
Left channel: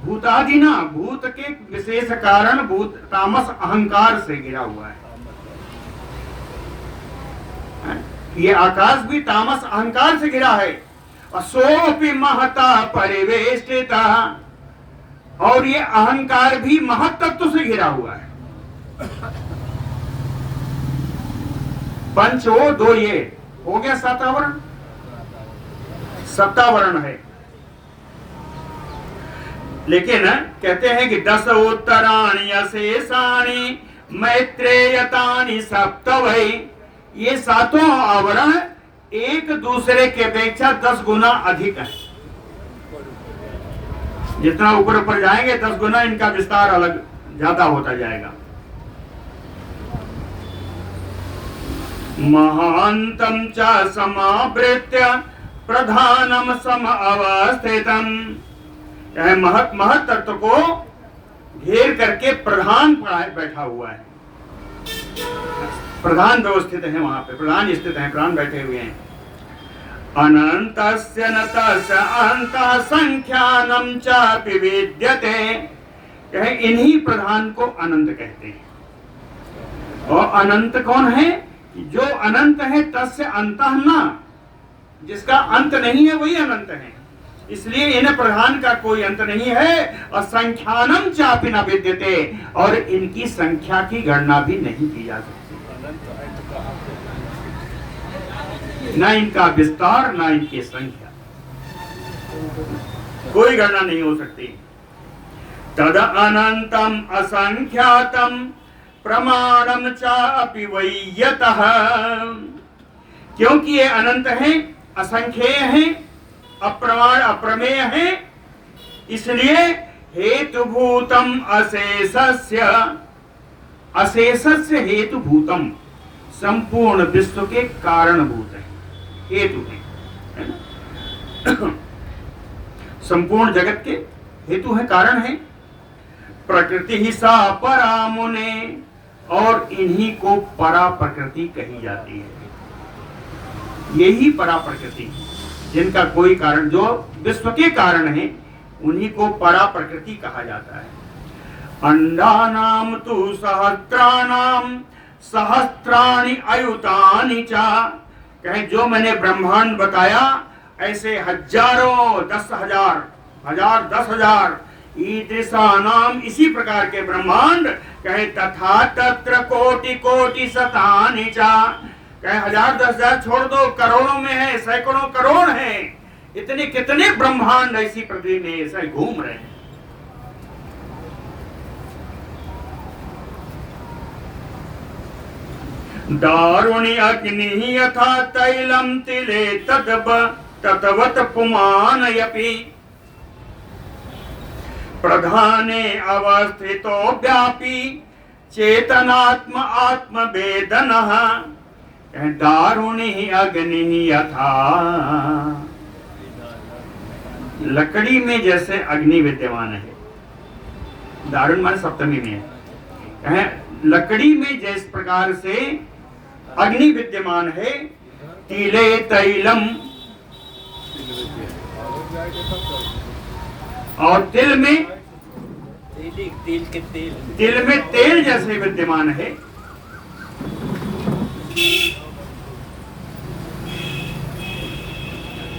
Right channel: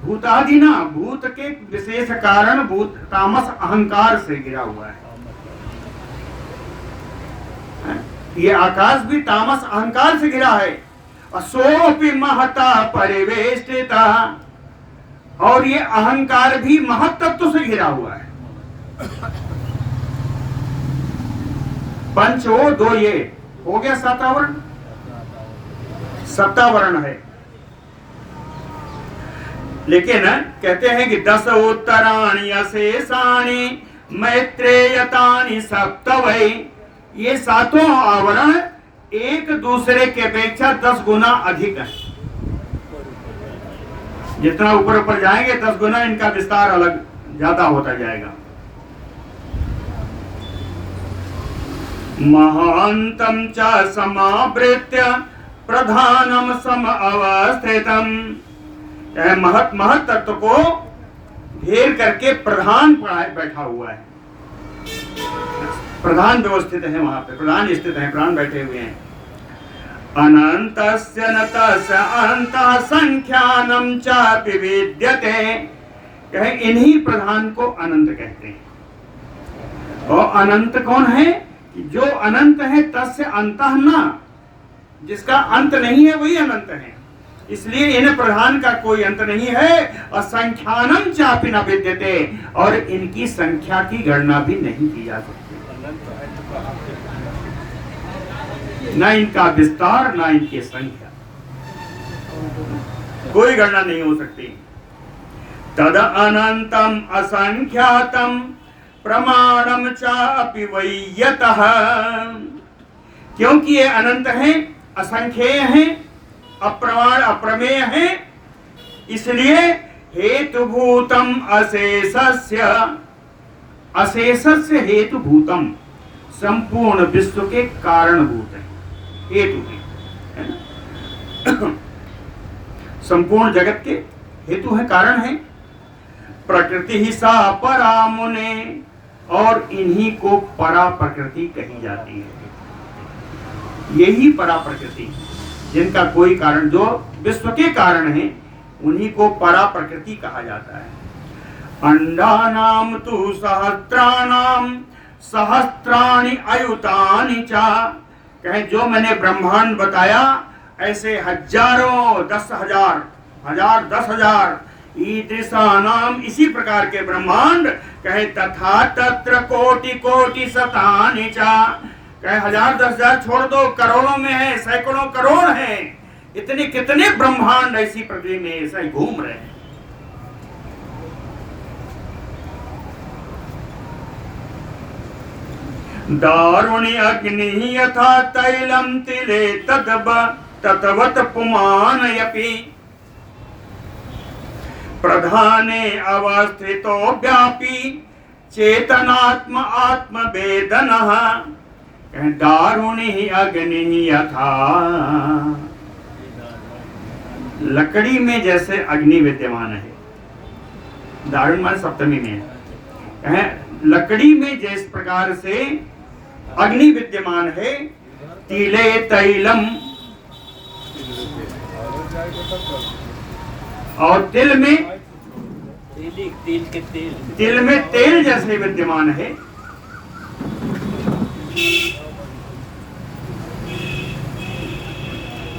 भूतादिना, भूत के विशेष कारण भूत तामस अहंकार से घिरा हुआ है। ये आकाश भी तामस अहंकार से घिरा है। सोपि महता परिवेष्टिता। और ये अहंकार भी महत्त्व से घिरा हुआ है। पंचो दो, ये हो गया सातावरण, सप्तावरण है। लेकिन कहते हैं कि 10 उत्तराणि अशेषाणि मैत्रेयतानि सप्तवै। ये सातों आवरण एक दूसरे के अपेक्षा 10 गुना अधिक है। जितना ऊपर ऊपर जाएंगे 10 गुना इनका विस्तार अलग ज्यादा होता जाएगा। महांतम च समावृत्य प्रधानम सम अवस्थितम। महत तत्व को घेर करके प्रधान बैठा हुआ है। प्रधान व्यवस्थित है, वहां पे प्रधान स्थित है, प्रधान बैठे हुए हैं। अनंतस्य न तस्य अंतः संख्यानम चापि विद्यते। कहे इन्हीं प्रधान को अनंत कहते हैं। और अनंत कौन है? जो अनंत है तस्य अंतः न, जिसका अंत नहीं है वही अनंत है। इसलिए इन प्रधान का कोई अंत नहीं है। और संख्यानम चापि न विद्यते, और इनकी संख्या की गणना भी नहीं की जा सकती। न इनका विस्तार, न इनकी संख्या, कोई गणना नहीं हो सकती। तद अनंतम असंख्यातम प्रमाणम चापि वैयतः। क्योंकि ये अनंत है, असंख्येय है, अप्रमाण अप्रमेय है, इसलिए हेतुभूतम अशेषस्य, अशेषस्य हेतुभूतम, संपूर्ण विश्व के कारणभूत है, हेतु है, संपूर्ण जगत के हेतु है, कारण है। प्रकृति ही सा परा मुने, और इन्हीं को परा प्रकृति कही जाती है। यही परा प्रकृति, जिनका कोई कारण, जो विश्व के कारण है, उन्हीं को परा प्रकृति कहा जाता है। अंडानाम तु सहस्राणाम सहस्त्राणि अयुतानि चा, कहें जो मैंने ब्रह्मांड बताया ऐसे हजारों, 10,000, 1000, 10,000 ईदृशानाम, इसी प्रकार के ब्रह्मांड, कहे तथा तत्र कोटि कोटि शतानि चा, कहे 1000, 10,000 छोड़ दो, करोड़ों में है, सैकड़ों करोड़ है, इतने कितने ब्रह्मांड ऐसी पृथ्वी में ऐसे घूम रहे हैं। दारुणि अग्नि यथा तैलम तिले ततवत पुमान यपि प्रधाने अवस्थितो व्यापी चेतनात्म आत्मवेदनः, दारुणि अग्नि यथा, लकड़ी में जैसे अग्नि विद्यमान है, दारुण मान सप्तमी में है, लकड़ी में जिस प्रकार से अग्नि विद्यमान है, तिले तैलम, और तिल में, तिल में तेल जैसे विद्यमान है,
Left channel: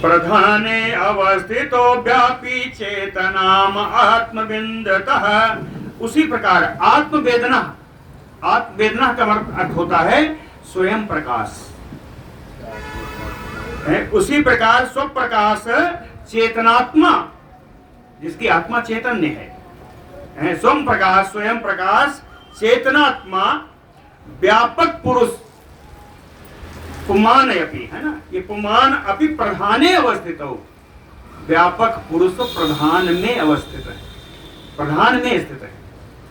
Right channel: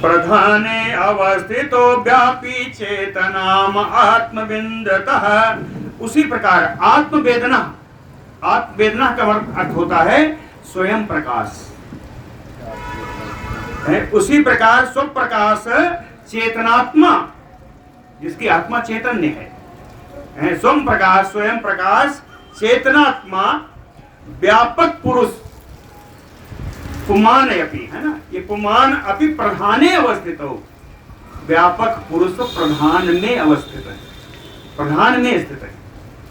प्रधाने अवस्थितो व्यापी चेतनाम आत्मविन्दतः, उसी प्रकार आत्मवेदना, आत्मवेदना का अर्थ होता है स्वयं प्रकाश है, उसी प्रकार स्वप्रकाश चेतनात्मा, जिसकी आत्मा चैतन्य है, स्वयं प्रकाश, स्वयं प्रकाश चेतनात्मा व्यापक पुरुष, पुमान अपि, है ना, ये पुमान अपि प्रधाने अवस्थित हो, व्यापक पुरुष प्रधान में अवस्थित है, प्रधान में स्थित है,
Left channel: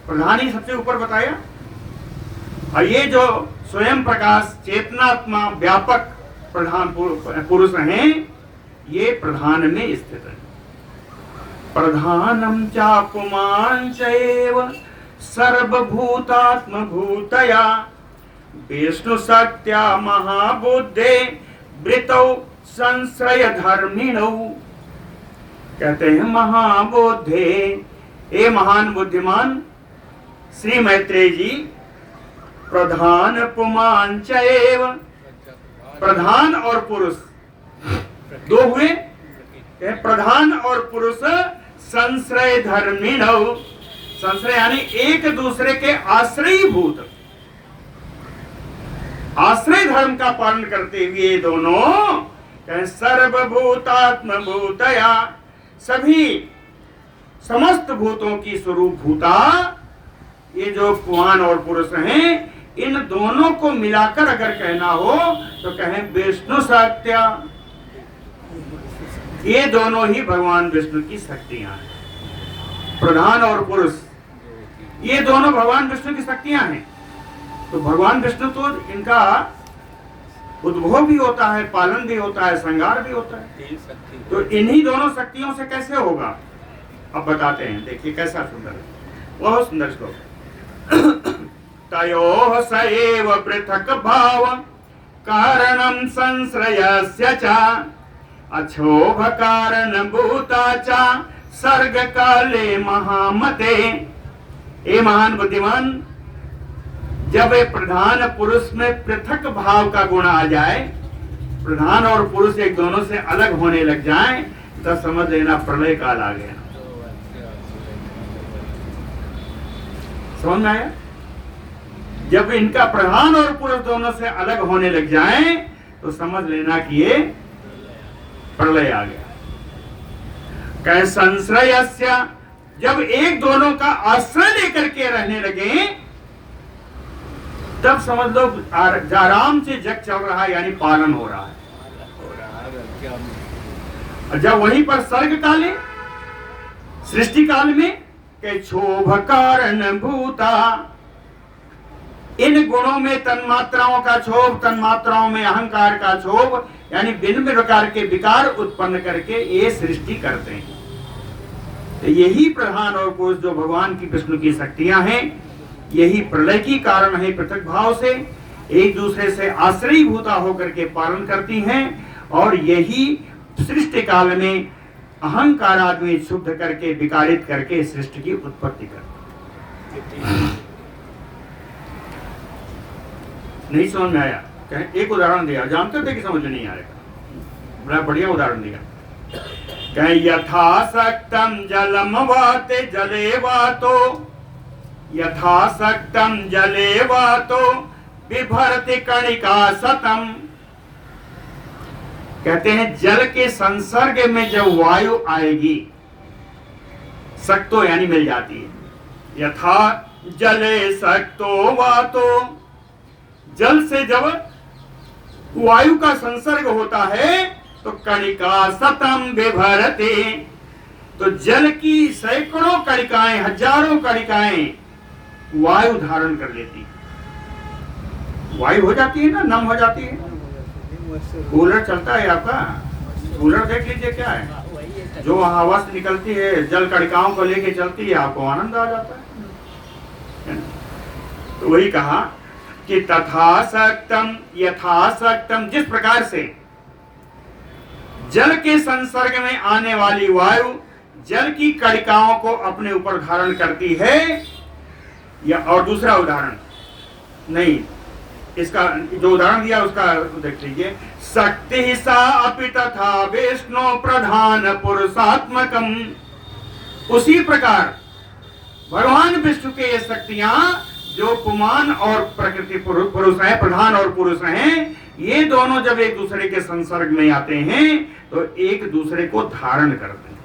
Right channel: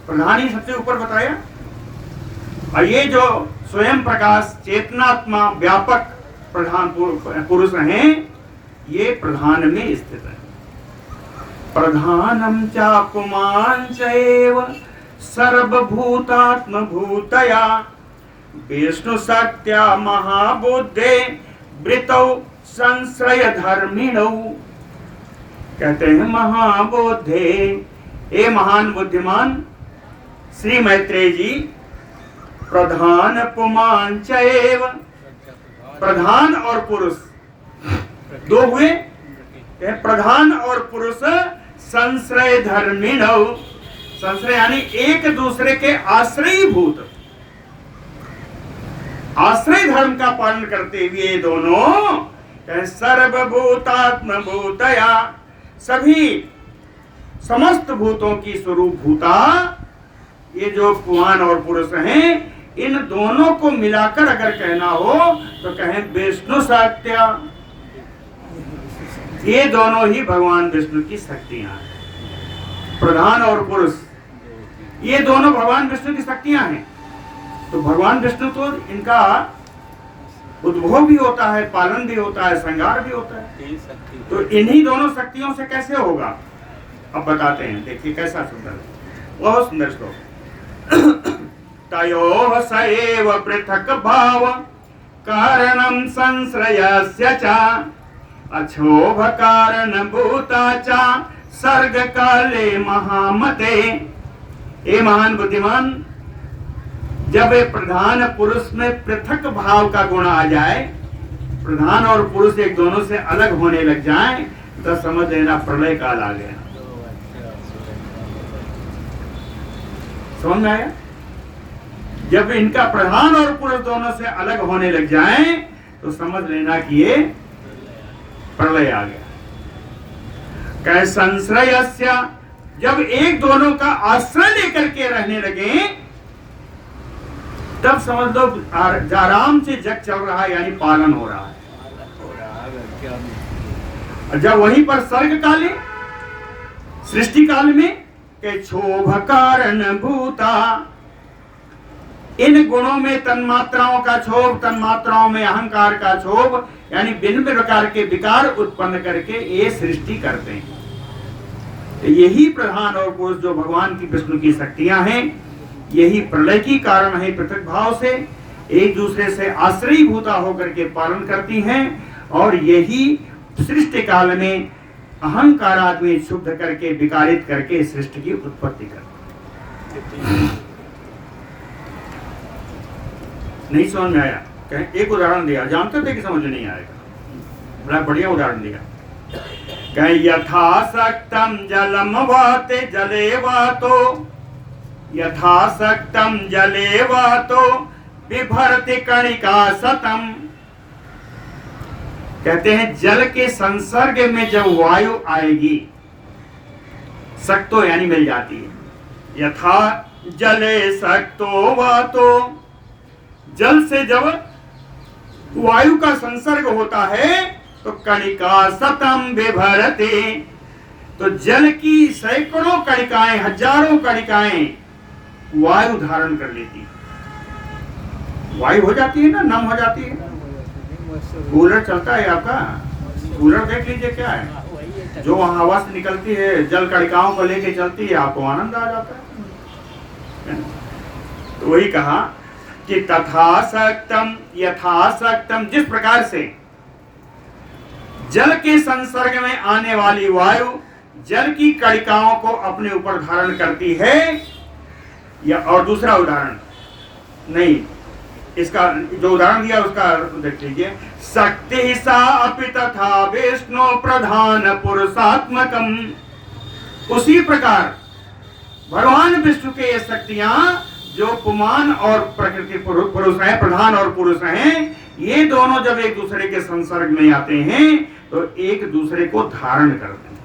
प्रधान ही सबसे ऊपर बताया, और ये जो स्वयं प्रकाश चेतनात्मा व्यापक प्रधान पुरुष हैं, ये प्रधान में स्थित है। प्रधानम चा पुमान चैव सर्वभूतात्म भूतया विष्णु सत्या महाबुद्धे वृतौ संश्रय धर्मिणौ, कहते हैं महाबुद्धे, ए महान बुद्धिमान श्री मैत्रेय जी, प्रधान पुमान चैव, प्रधान और पुरुष दो हुए, प्रधान और पुरुष संश्रय धर्मिणौ, संश्रय यानी एक दूसरे के आश्रयभूत, आश्रय धर्म का पालन करते हुए दोनों सर्वभूतात्म भूतया, सभी समस्त भूतों की स्वरूप भूता, ये जो पुमान और पुरुष हैं, इन दोनों को मिलाकर अगर कहना हो तो कहें विष्णु सत्या, ये दोनों ही भगवान विष्णु की शक्तियां हैं, प्रधान और पुरुष, ये दोनों भगवान विष्णु की शक्तियां हैं। तो भगवान विष्णु तो इनका उद्भव भी होता है, पालन भी होता है, संहार भी होता है, तो इन्हीं दोनों शक्तियों से कैसे होगा, अब बताते हैं, देखिए कैसा सुंदर है, बहुत सुंदर श्लोक। तयोः स एव पृथक् भाव कारणं संश्रयस्य च अक्षोभ कारणभूता च सर्ग काले महामते, ए महान बुद्धिमान, जब एक प्रधान पुरुष में पृथक भाव का गुण आ जाए, प्रधान और पुरुष एक दोनों से अलग होने लग जाए, तो समझ लेना प्रलय काल आ गया। समझ में आया? जब इनका प्रधान और पुरुष दोनों से अलग होने लग जाएं, तो समझ लेना कि ये प्रलय आ गया। कहे संश्रयस्य, जब एक दोनों का आश्रय लेकर के रहने लगे, तब समझ लो आराम से जग चल रहा है, यानी पालन हो रहा है। जब वहीं पर सर्ग काले, सृष्टि काल में, के क्षोभ कारण भूता, इन गुणों में तन्मात्राओं का क्षोभ, तन्मात्राओं में अहंकार का क्षोभ, यानी भिन्न प्रकार के विकार उत्पन्न करके ये सृष्टि करते हैं। तो यही प्रधान और पुरुष जो भगवान की विष्णु की शक्तियां हैं, यही प्रलय की कारण है, पृथक भाव से एक दूसरे से आश्रयीभूता होकर के पालन करती हैं, और यही सृष्टि काल में अहंकार आदमी शुद्ध करके विकारित करके सृष्टि की उत्पत्ति करती है। नहीं समझ में आया? कहें एक उदाहरण दिया, जानते थे कि समझ में नहीं आएगा, बड़ा बढ़िया उदाहरण दिया। कहें यथाशक्तम जलम वाते जले वातो, यथाशक्तम जले वातो बिभर्ति कणिका सतम। कहते हैं जल के संसर्ग में जब वायु आएगी, सक्तो यानी मिल जाती है, यथा जले सक्तो वातो, जल से जब वायु का संसर्ग होता है तो कणिका सतम बिभरते, तो जल की सैकड़ों कणिकाएं, हजारों कणिकाएं वायु धारण कर लेती है। वायु हो जाती है ना, नम हो जाती है। कूलर चलता है आपका, कूलर देख लीजिए क्या है, जो हवा से निकलती है जल कणिकाओं को लेके चलती है, आपको आनंद आ जाता है। तो वही कहा कि तथासक्तम यथासक्तम, जिस प्रकार से जल के संसर्ग में आने वाली वायु जल की कणिकाओं को अपने ऊपर धारण करती है, या और दूसरा उदाहरण नहीं, इसका जो उदाहरण दिया उसका देख लीजिए। शक्ति सा अपि तथा विष्णु प्रधान पुरुषात्मकम, उसी प्रकार भगवान विष्णु के ये शक्तियां जो पुमान और प्रकृति पुरुष हैं, प्रधान और पुरुष हैं, ये दोनों जब एक दूसरे के संसर्ग में आते हैं तो एक दूसरे को धारण करते हैं।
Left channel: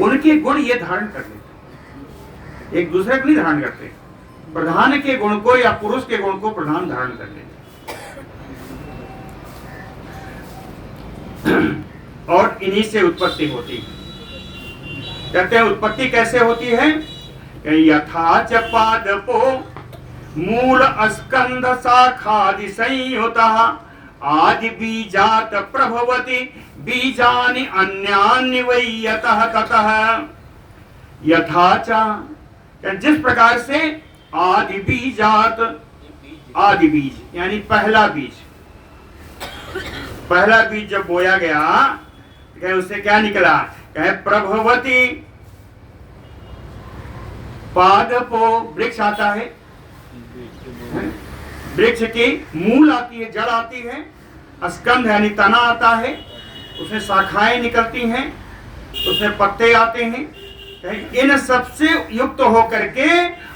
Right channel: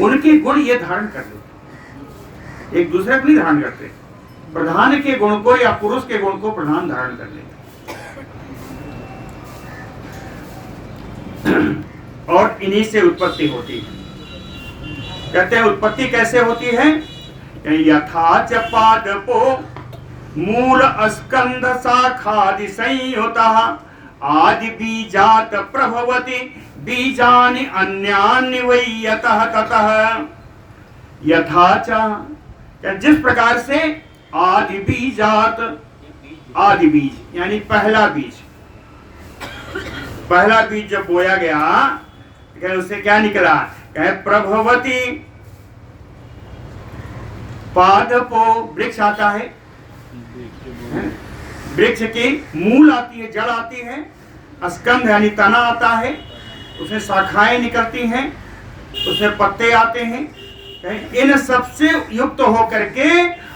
उनके गुण ये धारण कर लेते हैं, एक दूसरे को नहीं धारण करते। प्रधान के गुण को या पुरुष के गुण को प्रधान धारण कर लेते, और इन्हीं से उत्पत्ति होती है। कहते हैं उत्पत्ति कैसे होती है? यथा च पादपो मूल स्कंध शाखादि संयुतः आदि बीजात प्रभवति बीजानि अन्यानि वै यतः ततः। यथा च, जिस प्रकार से आदि बीजात, आदि बीज यानी पहला बीज, पहला बीज जब बोया गया कहे उससे क्या निकला? कहे प्रभवती, पादपो वृक्ष आता है, वृक्ष की मूल आती है, जड़ आती है, स्कंध यानी तना आता है, उसमें शाखाएं निकलती हैं, उसमें पत्ते आते हैं, इन सबसे युक्त होकर के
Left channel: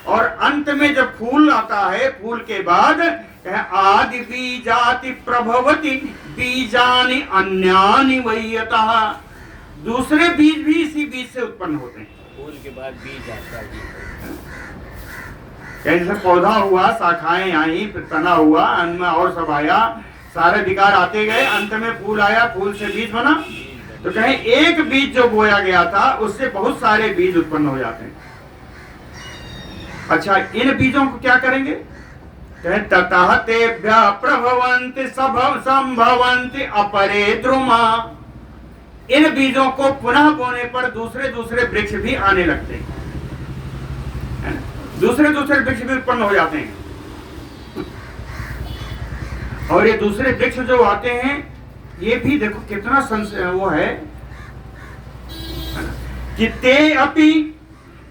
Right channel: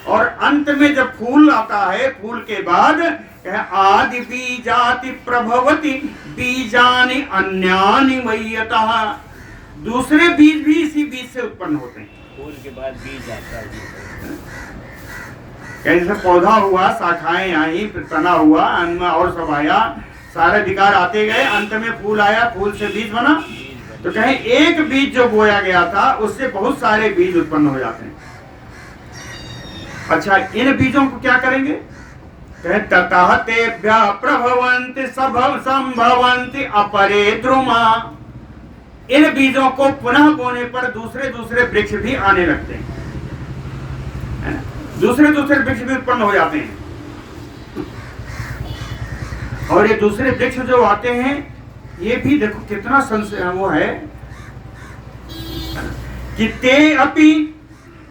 और अंत में जब फूल आता है, फूल के बाद आदि बीजाति प्रभवति बीजानि अन्यानि वैयतः, दूसरे बीज भी इसी बीज से उत्पन्न होते हैं। फूल के बाद बीज आता है, जैसे पौधा हुआ, शाखाएं आई, फिर तना हुआ, अन्य और सब आया, सारे विकार आते गए, अंत में फूल आया, फूल से बीज बना। तो कहें एक बीज जो बोया गया था उससे बहुत सारे बीज उत्पन्न हो जाते हैं। अच्छा, इन बीजों को क्या करेंगे? कहें ततः तेभ्यः प्रभवन्ति संभवन्ति अपरे द्रुमा, इन बीजों को पुनः बोने पर दूसरे दूसरे वृक्ष भी आने लगते हैं, है ना? दूसरे दूसरे वृक्ष भी उत्पन्न हो जाते हैं। और ये दूसरे वृक्ष जो आते हैं ये भी देखो कितना वो है कि ते अपि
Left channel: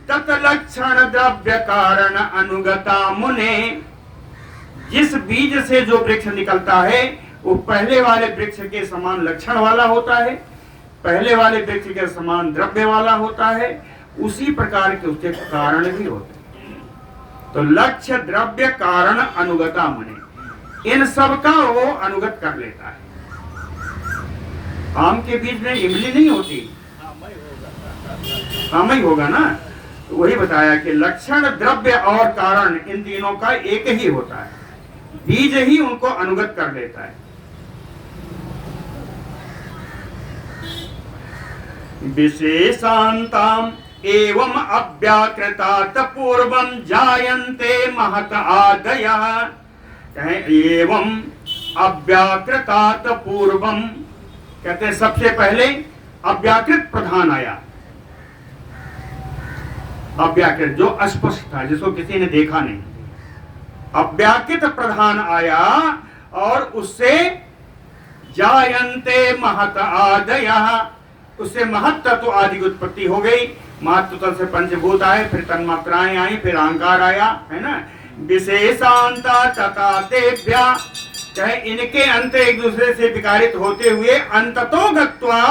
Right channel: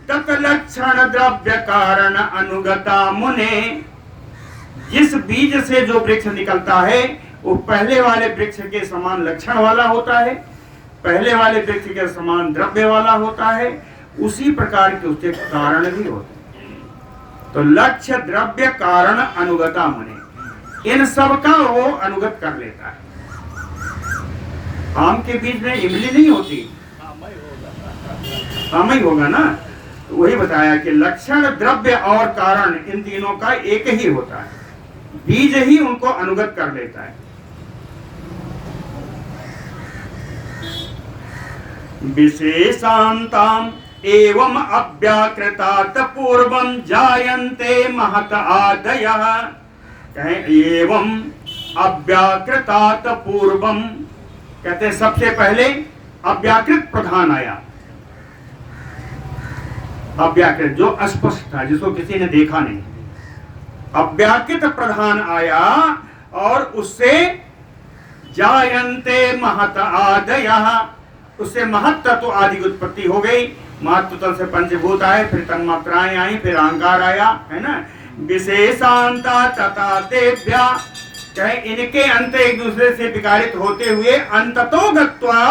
तत्लक्षण द्रव्य कारण अनुगता मुने, जिस बीज से जो वृक्ष निकलता है वो पहले वाले वृक्ष के समान लक्षण वाला होता है, पहले वाले वृक्ष के समान द्रव्य वाला होता है, उसी प्रकार के उसके कारण भी होते हैं। तो लक्ष्य द्रव्य कारण अनुगता मुने, इन सब का वो अनुगत कर लेता है। आम के बीज में इमली नहीं होती, आम ही होगा ना। तो वही बताया कि लक्षण द्रव्य और कारण इन तीनों का एक ही होता है, बीज ही उनको अनुगत कर लेता है। विशेषांताम एवं अव्याकृतात पूर्वम जायन्ते महत आदयः, कहें एवं अव्याकृतात पूर्वम, कहते सबसे पहले अव्याकृत प्रधान आया। अव्याकृत जो अस्पष्ट था, जिसको किसी ने देखा नहीं, अव्याकृत प्रधान आया और उससे जायन्ते महत आदयः, उससे महत तत्व आदि की उत्पत्ति हो गई। महत्व तत्व से पंचभूत आए, फिर तन्मात्राएं आई, फिर अहंकार आया, है ना। विशेषांता तथा तेभ्या, कहे इनके अंत एक दूसरे से विकारित होते हुए अंततो गत्वा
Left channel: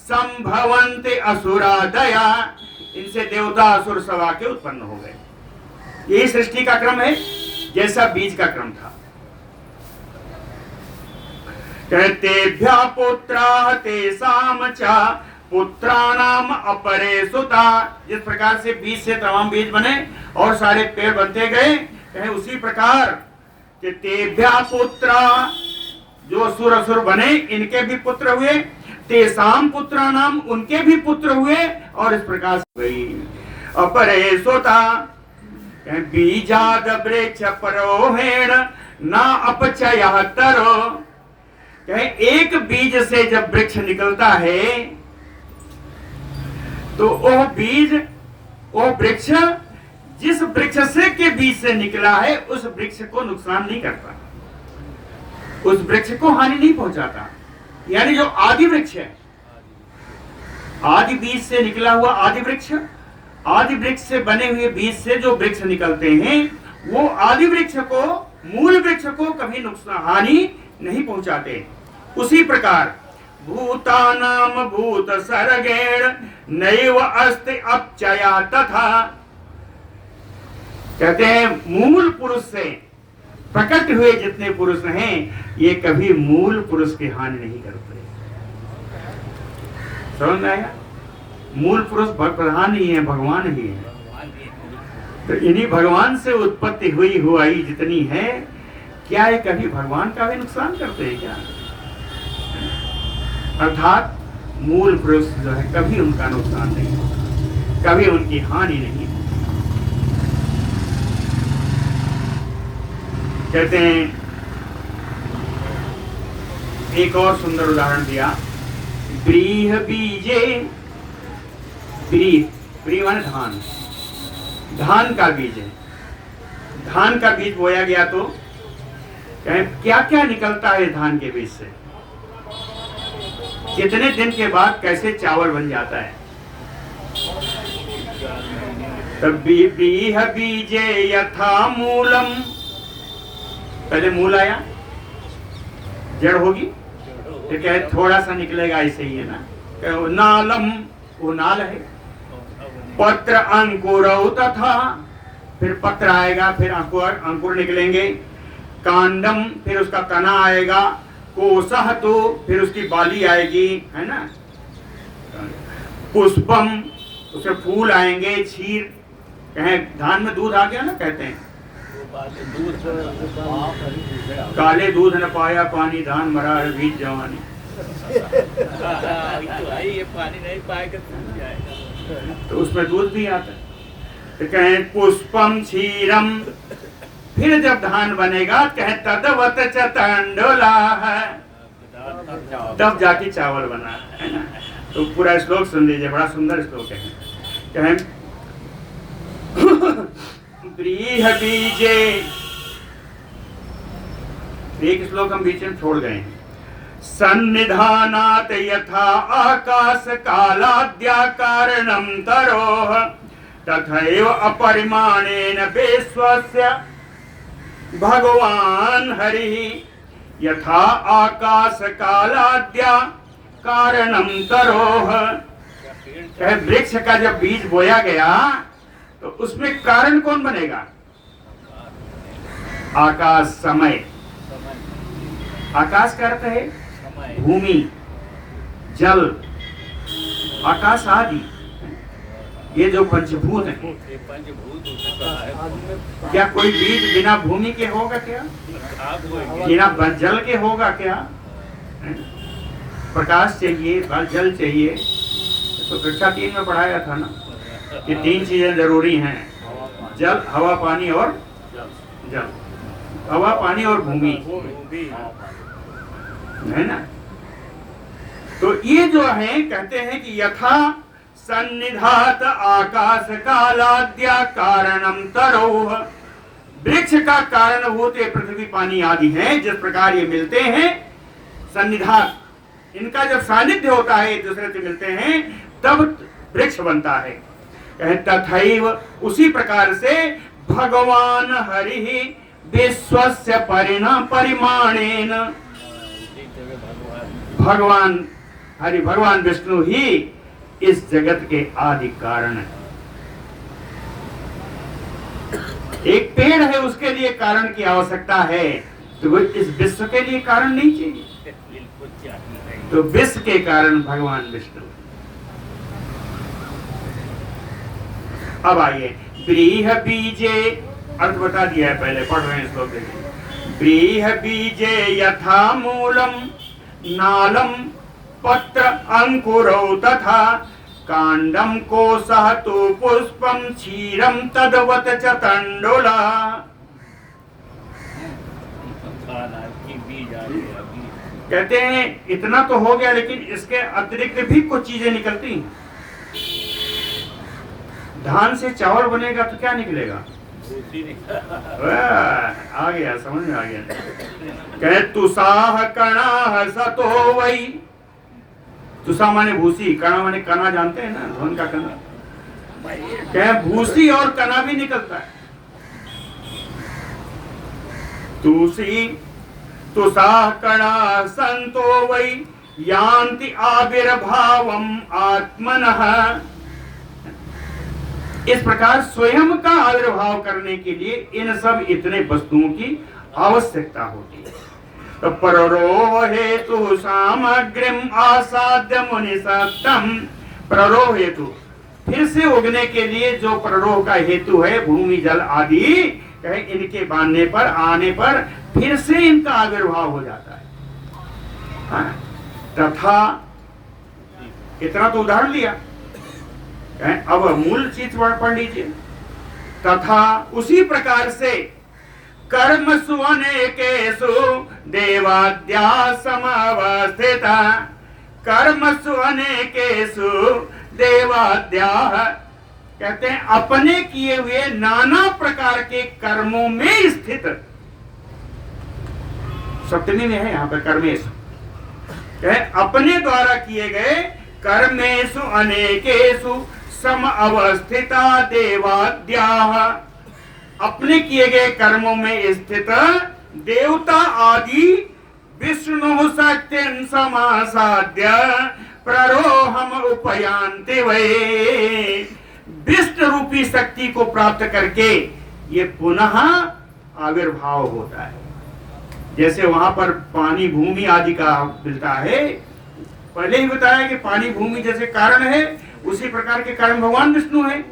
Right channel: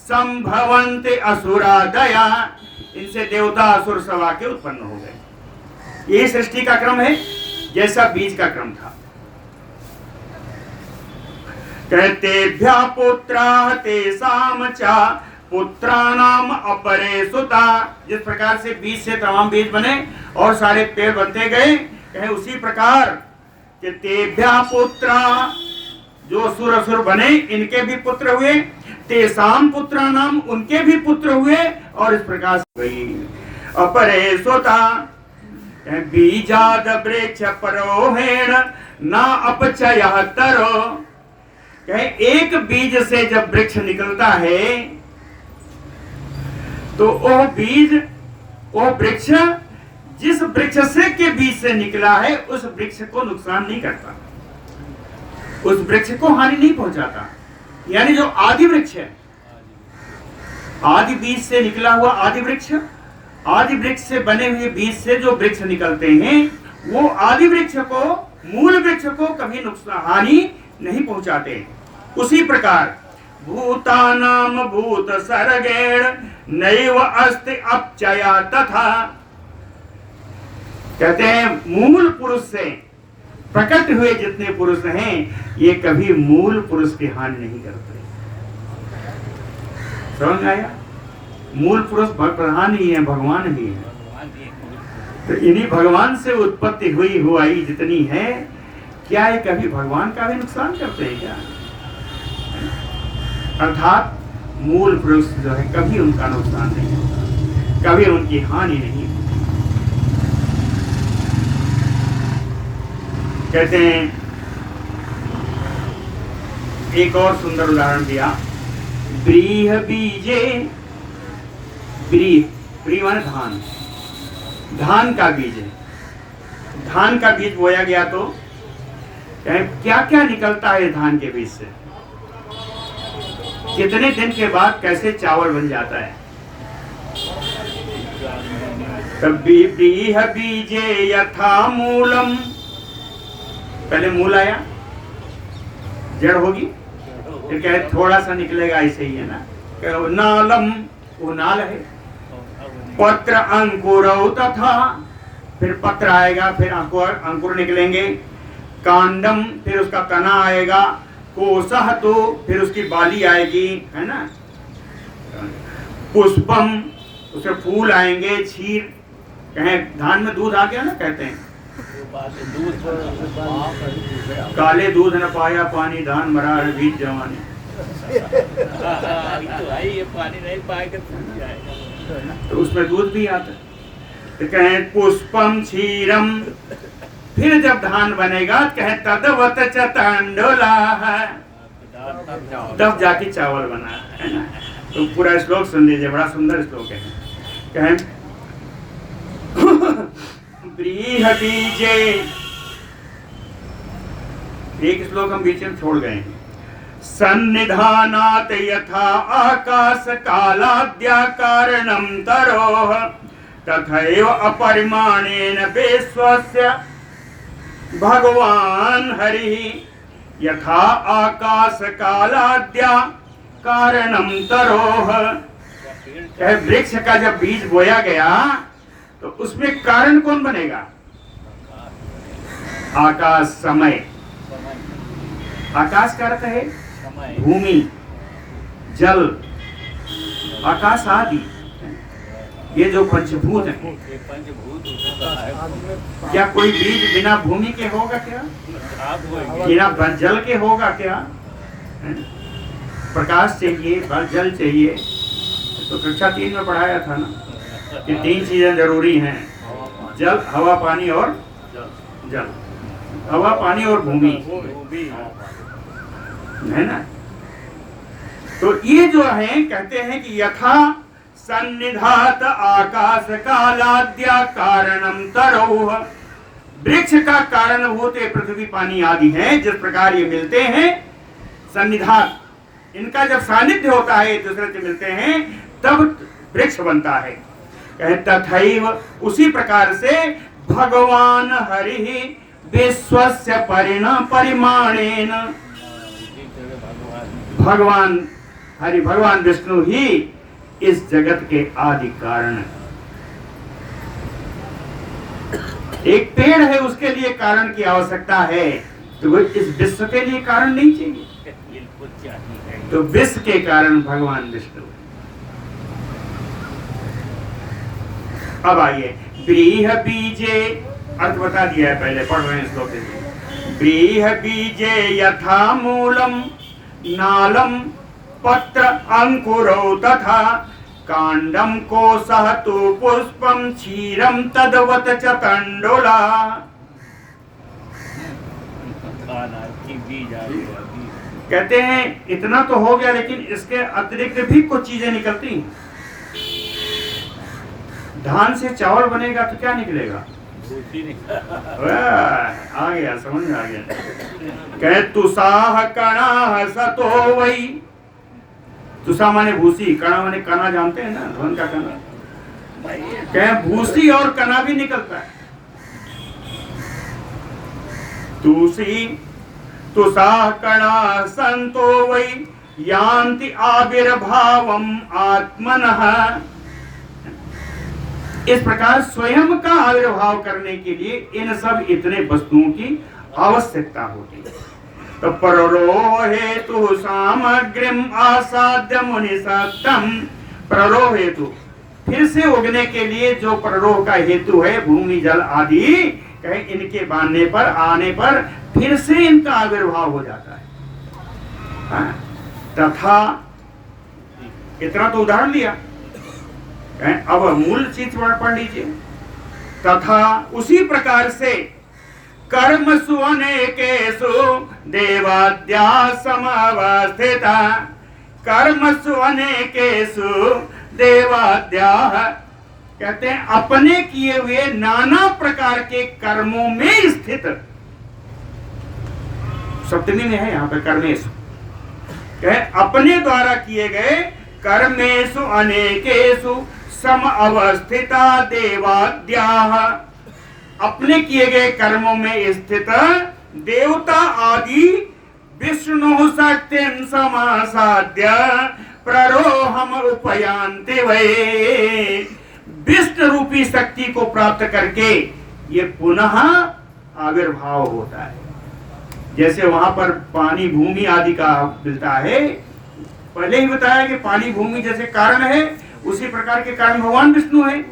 संभवन्ते असुरादया, इनसे देवता असुर सवा के उत्पन्न हो गए। यही सृष्टि का क्रम है, जैसा बीज का क्रम था। कहतेभ्या पुत्रा तेषाम च पुत्राणाम अपरे सुता, जिस प्रकार से बीज से तमाम बीज बने और सारे पेड़ बनते गए, कहे उसी प्रकार कि तेभ्या पुत्रा, जो असुर असुर बने इनके भी पुत्र हुए, तेषाम पुत्राणाम, उनके भी पुत्र हुए, और इस प्रकार से अपरे सुता। बीजाद वृक्ष परोहेण ना अपचयः तरो, कहे एक बीज से जब वृक्ष निकलता है तो वह बीज, वह वृक्ष जिस वृक्ष से के बीज से निकला है उस वृक्ष को नुकसान नहीं करता, उस वृक्ष को हानि नहीं पहुंचाता। यानी जो आदि वृक्ष है, आदि बीज से निकला हुआ आदि वृक्ष, आदि वृक्ष से बने हुए बीज से जो वृक्ष निकलते हैं वो आदि वृक्ष को, मूल वृक्ष को कभी नुकसान हानि नहीं पहुंचाते। उसी प्रकार भूतानाम भूत सर्गेण नैव अस्ति अपचया तथा, कहते हैं मूल पुरुष से प्रकट हुए जितने पुरुष हैं ये कभी मूल पुरुष की हानि नहीं करते। समझ आया? मूल पुरुष प्रधान ही है, भगवान ही है। तो इन्हीं भगवान से उत्पत्ति हुई जितनी है, क्या ये कभी भगवान का भी नुकसान करते हैं क्या? अर्थात मूल पुरुष जो है कभी उनका नुकसान नहीं होता, कभी उनकी हानि नहीं होती। कहते हैं, एक और सुंदर उदाहरण दिया, व्रीह बीजे, व्रीह माने धान, धान का बीज है, धान का बीज बोया गया तो क्या क्या निकलता है धान के बीज से, कितने दिन के बाद कैसे चावल बन जाता है। तब व्रीह बीजे यथा मूलम, पहले मूल आया, जड़ होगी, फिर कहे थोड़ा सा निकलेगा, ऐसे ही है ना। कहे नालम, वो नाल है, पत्र अंकुरौ तथा, फिर पत्र आएगा, फिर अंकुर निकलेंगे, कांडम, फिर उसका तना आएगा, कोसह, तो फिर उसकी बाली आएगी, है ना, पुष्पम, उसके फूल आएंगे, क्षीर, कहें धान में दूध आ गया ना, कहते हैं काले दूध न पाया पानी, धान मरा बीज जवानी। ये पानी नहीं पाएगा तो उसमें दूध भी आता है। तो कहें पुष्पम क्षीरम, फिर जब धान बनेगा कहें तदवत च तंडोला, तब जाके चावल बना, है ना। तो पूरा श्लोक सुन लीजिए, बड़ा सुंदर श्लोक है। कहें व्रीह बीजे, एक श्लोक हम बीच में छोड़ गए हैं। सन्निधानात् यथा आकाश कालाद्या कारणं तरोः तथैव अपरिमाणेन विश्वस्य भगवान हरिः यथा आकाश कालाद्या कारणं तरोः। वृक्ष का जब बीज बोया गया तो उसमें कारण कौन बनेगा? आकाश, समय। आकाश का अर्थ है भूमि, जल, आकाश आदि, ये जो पंचभूत है। क्या कोई बीज बिना भूमि के होगा क्या? बिना जल के होगा क्या? प्रकाश चाहिए, जल चाहिए। तो कक्षा 3 में पढ़ाया था ना कि 3 चीजें जरूरी हैं, जल, हवा, पानी और जल। हवा, पानी और भूमि, है ना। तो ये जो है कहते हैं कि यथा सन्निधात आकाश कालाद्या कारणम तरोह, वृक्ष का कारणभूत पृथ्वी, पानी आदि है। जिस प्रकार ये मिलते हैं सन्निधात, इनका जब सानिध्य होता है, एक दूसरे से मिलते हैं, तब वृक्ष बनता है। तथैव, उसी प्रकार से भगवान हरि विश्वस्य परिमाणेन। भगवान हरि भगवान विष्णु ही इस जगत के आदि कारण है। एक पेड़ है, उसके लिए कारण की आवश्यकता है, तो वो इस विश्व के लिए कारण नहीं चाहिए। तो विश्व के कारण भगवान विष्णु। अब आइए, व्रीह बीजे, अर्थ बता दिया है, पहले पढ़ रहे हैं श्लोक के लिए। व्रीह बीजे यथा मूलम नालम पत्र अंकुरौ तथा कांडम कोशः तु पुष्पम क्षीरम तद्वत् च तंडुला। कहते हैं इतना तो हो गया, लेकिन इसके अतिरिक्त भी कुछ चीजें निकलती हैं। धान से चावल बनेगा तो क्या निकलेगा? आ गया, समझ में आ गया। कहे तुषाह कणाह सतो वही। तुषा माने भूसी, कणा माने कणा, जानते हैं ना, धान का कणा। कहे भूसी और कणा भी निकलता है। तुषी तुषाह कणा संतो वही यान्ति आविर्भावम आत्मनः। इस प्रकार स्वयं का आविर्भाव करने के लिए इन सब इतने वस्तुओं की आवश्यकता होती है। तो प्ररोह हेतु सामग्रीम आसाद्य मुनि सत्तम। प्ररोह हेतु, फिर से उगने के लिए जो प्ररोह का हेतु है, भूमि जल आदि, कहे इनके बांधने पर, आने पर फिर से इनका आविर्भाव हो जाता है। हाँ? तथा, इतना तो उदाहरण लिया, अब मूल चीज पढ़ लीजिए। तथा उसी प्रकार से कर्मसु अनेकेषु देवाद्या समावस्थिता। कर्मसु अनेकेषु देवाद्या, कहते हैं अपने किए हुए नाना प्रकार के कर्मों में स्थित। सप्तमी में है यहाँ पे कर्मेशु, कहे अपने द्वारा किए गए कर्मेषु अनेकेषु सम अवस्थिता देवाद्याः। अपने किए गए कर्मों में स्थित देवता आदि विष्णु शक्तिं समासाद्य प्ररोहम उपयान्ति वै। विष्णु रूपी शक्ति को प्राप्त करके ये पुनः आविर्भाव होता है। जैसे वहां पर पानी भूमि आदि का मिलता है, पहले ही बताया कि पानी भूमि जैसे कारण है, उसी प्रकार के कारण भगवान विष्णु है।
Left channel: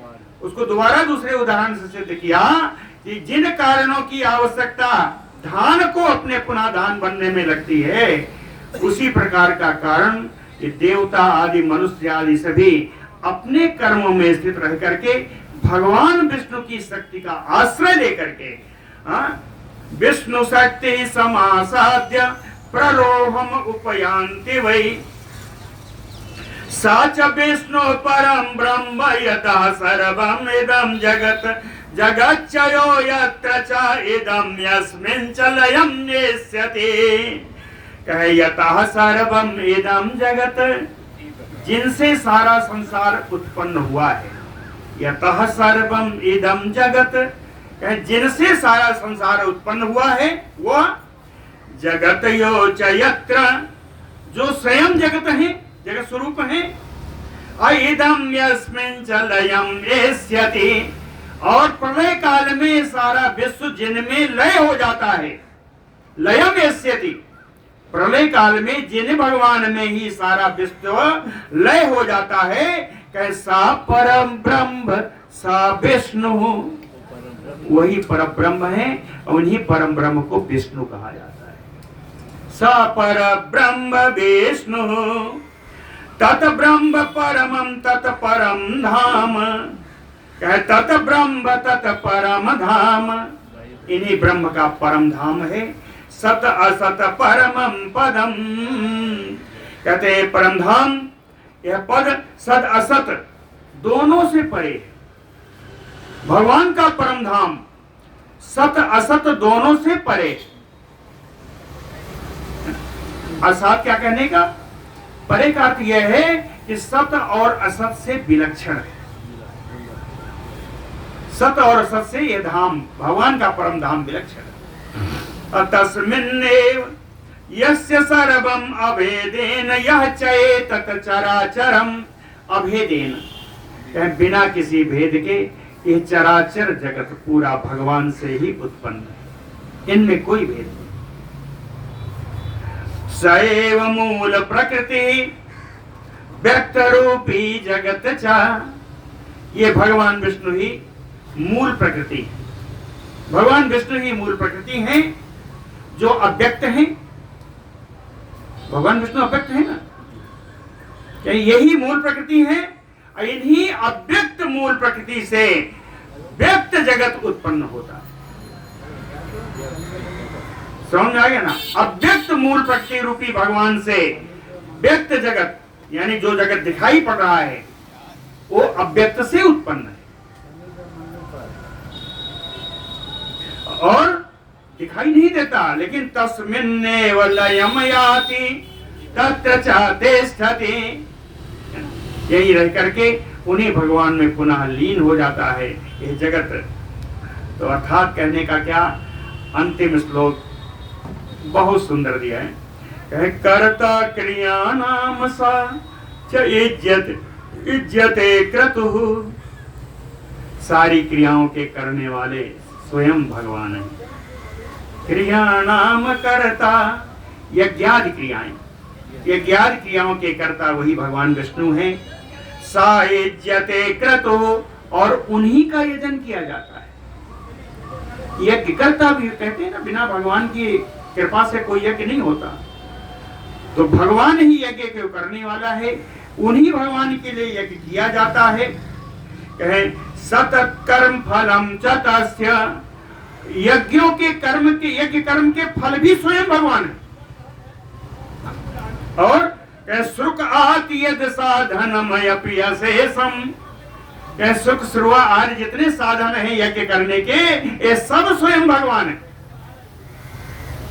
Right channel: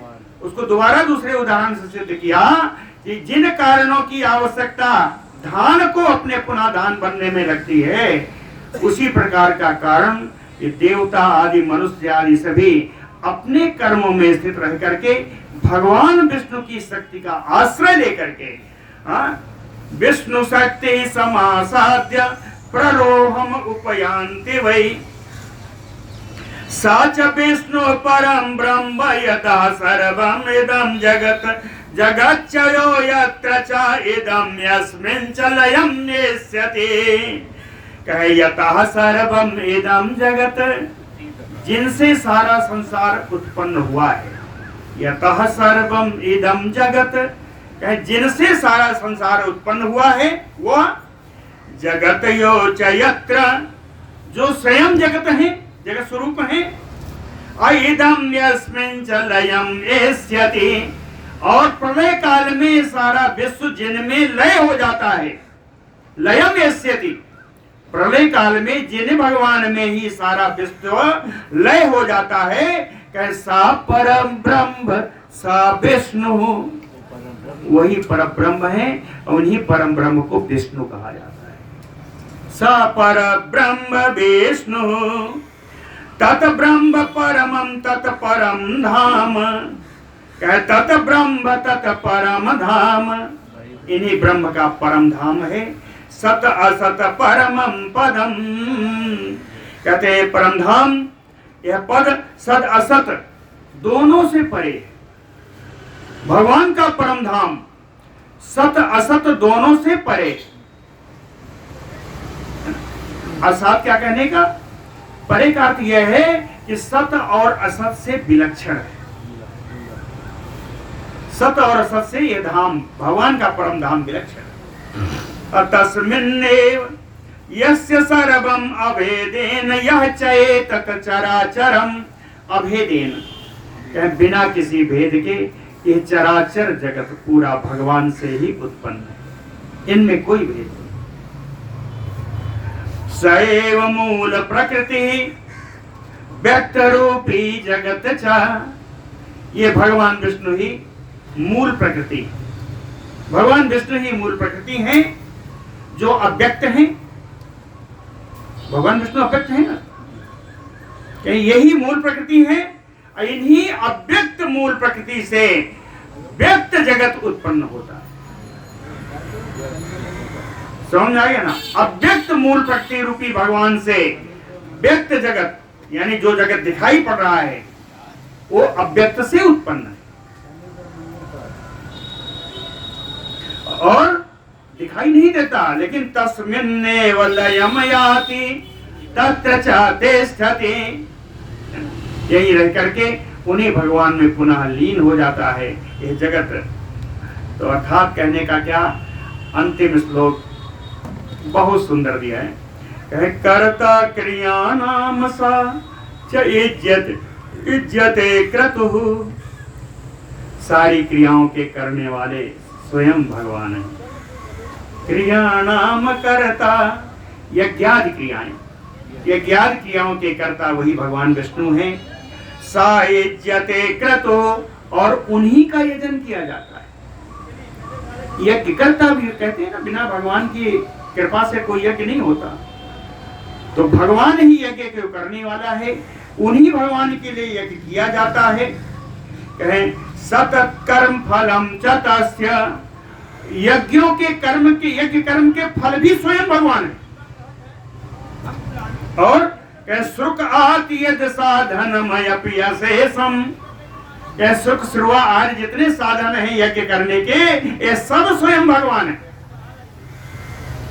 उसको दोबारा दूसरे उदाहरण से सिद्ध किया कि जिन कारणों की आवश्यकता धान को अपने पुनः धान बनने में लगती है, उसी प्रकार का कारण ये देवता आदि मनुष्य आदि सभी अपने कर्मों में स्थित रह करके भगवान विष्णु की शक्ति का आश्रय लेकर के विष्णु शक्ति समासाद्य प्रलोभम उपयान्ति वै। साच विष्णु परम ब्रह्म यतः सर्वम इदं जगत जगच्चयो यत्र च इदं यस्मिन् च लयं नेष्यति। कहे यतः सर्वम इदं जगत, जिनसे सारा संसार उत्पन्न हुआ है। यतः सर्वम इदं जगत, कहे जिनसे सारा संसार उत्पन्न हुआ है, वो जगत यो च यत्र, जो स्वयं जगत है, जगत स्वरूप है। इदं यस्मिन् च लयं नेष्यति, और प्रलय काल में सारा विश्व जिनमें लय हो जाता है। लयं नेष्यति, प्रलय काल में जिन भगवान में ही सारा विश्व लय हो जाता है। कैसा परम ब्रह्म सा विष्णु, वही परम ब्रह्म है, उन्हीं परम ब्रह्म को विष्णु कहा जाता है। सा पर ब्रह्म विष्णु तत ब्रह्म परमं तत परम धाम। कहे तत ब्रह्म तत परम धाम, इन्हीं ब्रह्म का परम धाम है। सत असत परमं पदम, कहते परम धाम, यह पद सत असत दोनों से परे है। भगवान का परम धाम सत असत दोनों से परे। असत क्या कहने का, परे का अर्थ यह है कि सत और असत से विलक्षण है। सत और सत से ये धाम भगवान का परम धाम विलक्षण। तस्मिन्नेव यस्य सर्वम अभेदेन यह चेतत चराचरम अभेदेन, बिना किसी भेद के ये चराचर जगत पूरा भगवान से ही उत्पन्न है, इनमें कोई भेद नहीं। सएव मूल प्रकृति व्यक्त रूपी जगत च, ये भगवान विष्णु ही मूल प्रकृति है। भगवान विष्णु ही मूल प्रकृति हैं जो अव्यक्त हैं। भगवान विष्णु अव्यक्त है ना, क्या यही मूल प्रकृति है? इन्हीं अव्यक्त मूल प्रकृति से व्यक्त जगत उत्पन्न होता है। समझ आ गया ना? अव्यक्त मूल प्रकृति रूपी भगवान से व्यक्त जगत, यानी जो जगत दिखाई पड़ रहा है वो अव्यक्त से उत्पन्न है और दिखाई नहीं देता, लेकिन तस्मिन्नेव लयम याति तत्र च तिष्ठति, यही रह करके उन्हीं भगवान में पुनः लीन हो जाता है यह जगत। तो अर्थात कहने का क्या, अंतिम श्लोक बहुत सुंदर दिया है, कहे कर्ता क्रिया नाम सा च इज्जते क्रतुः, सारी क्रियाओं के करने वाले स्वयं भगवान है। क्रियाणाम कर्ता, यज्ञादि क्रियाएं, यज्ञादि क्रियाओं के कर्ता वही भगवान विष्णु हैं। सा इज्जते क्रतो, और उन्हीं का यजन किया जाता है। यज्ञ कर्ता भी कहते हैं ना, बिना भगवान की कृपा से कोई यज्ञ नहीं होता। तो भगवान ही यज्ञ को करने वाला है, उन्हीं भगवान के लिए यज्ञ किया जाता है। कहे सतत कर्म फलम च तस्य, यज्ञों के कर्म के, यज्ञ कर्म के फल भी स्वयं भगवान है। और सुख आति यद साधनमयपि अशेषम, सुख श्रुवा आदि जितने साधन हैं यज्ञ करने के, ये सब स्वयं भगवान है,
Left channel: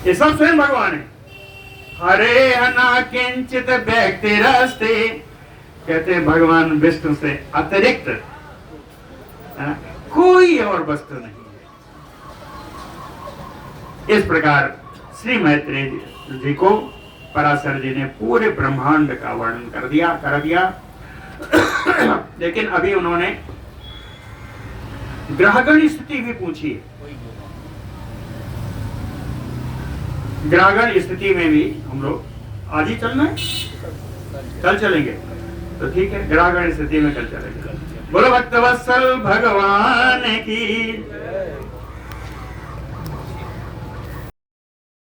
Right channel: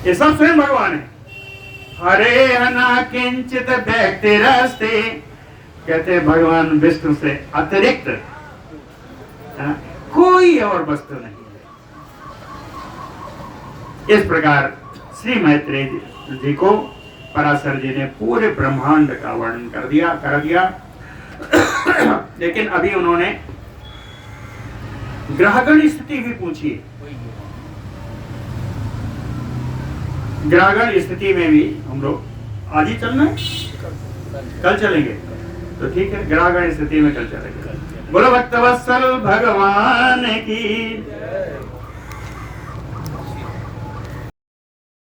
ये सब स्वयं भगवान है। हरे हना किंचित व्यक्ति रस्ते, कहते हैं भगवान विष्णु से अतिरिक्त कोई और वस्तु नहीं है। इस प्रकार श्री मैत्रेय जी को पराशर जी ने पूरे ब्रह्मांड का वर्णन कर दिया। लेकिन अभी उन्होंने ग्रहगण स्थिति भी पूछी है। ग्रहगण स्थिति में भी हम लोग आज ही चलना है, कल चलेंगे तो ठीक है, ग्रहगण स्थिति में कल चलेंगे। बोलो भक्तवत्सल भगवान की।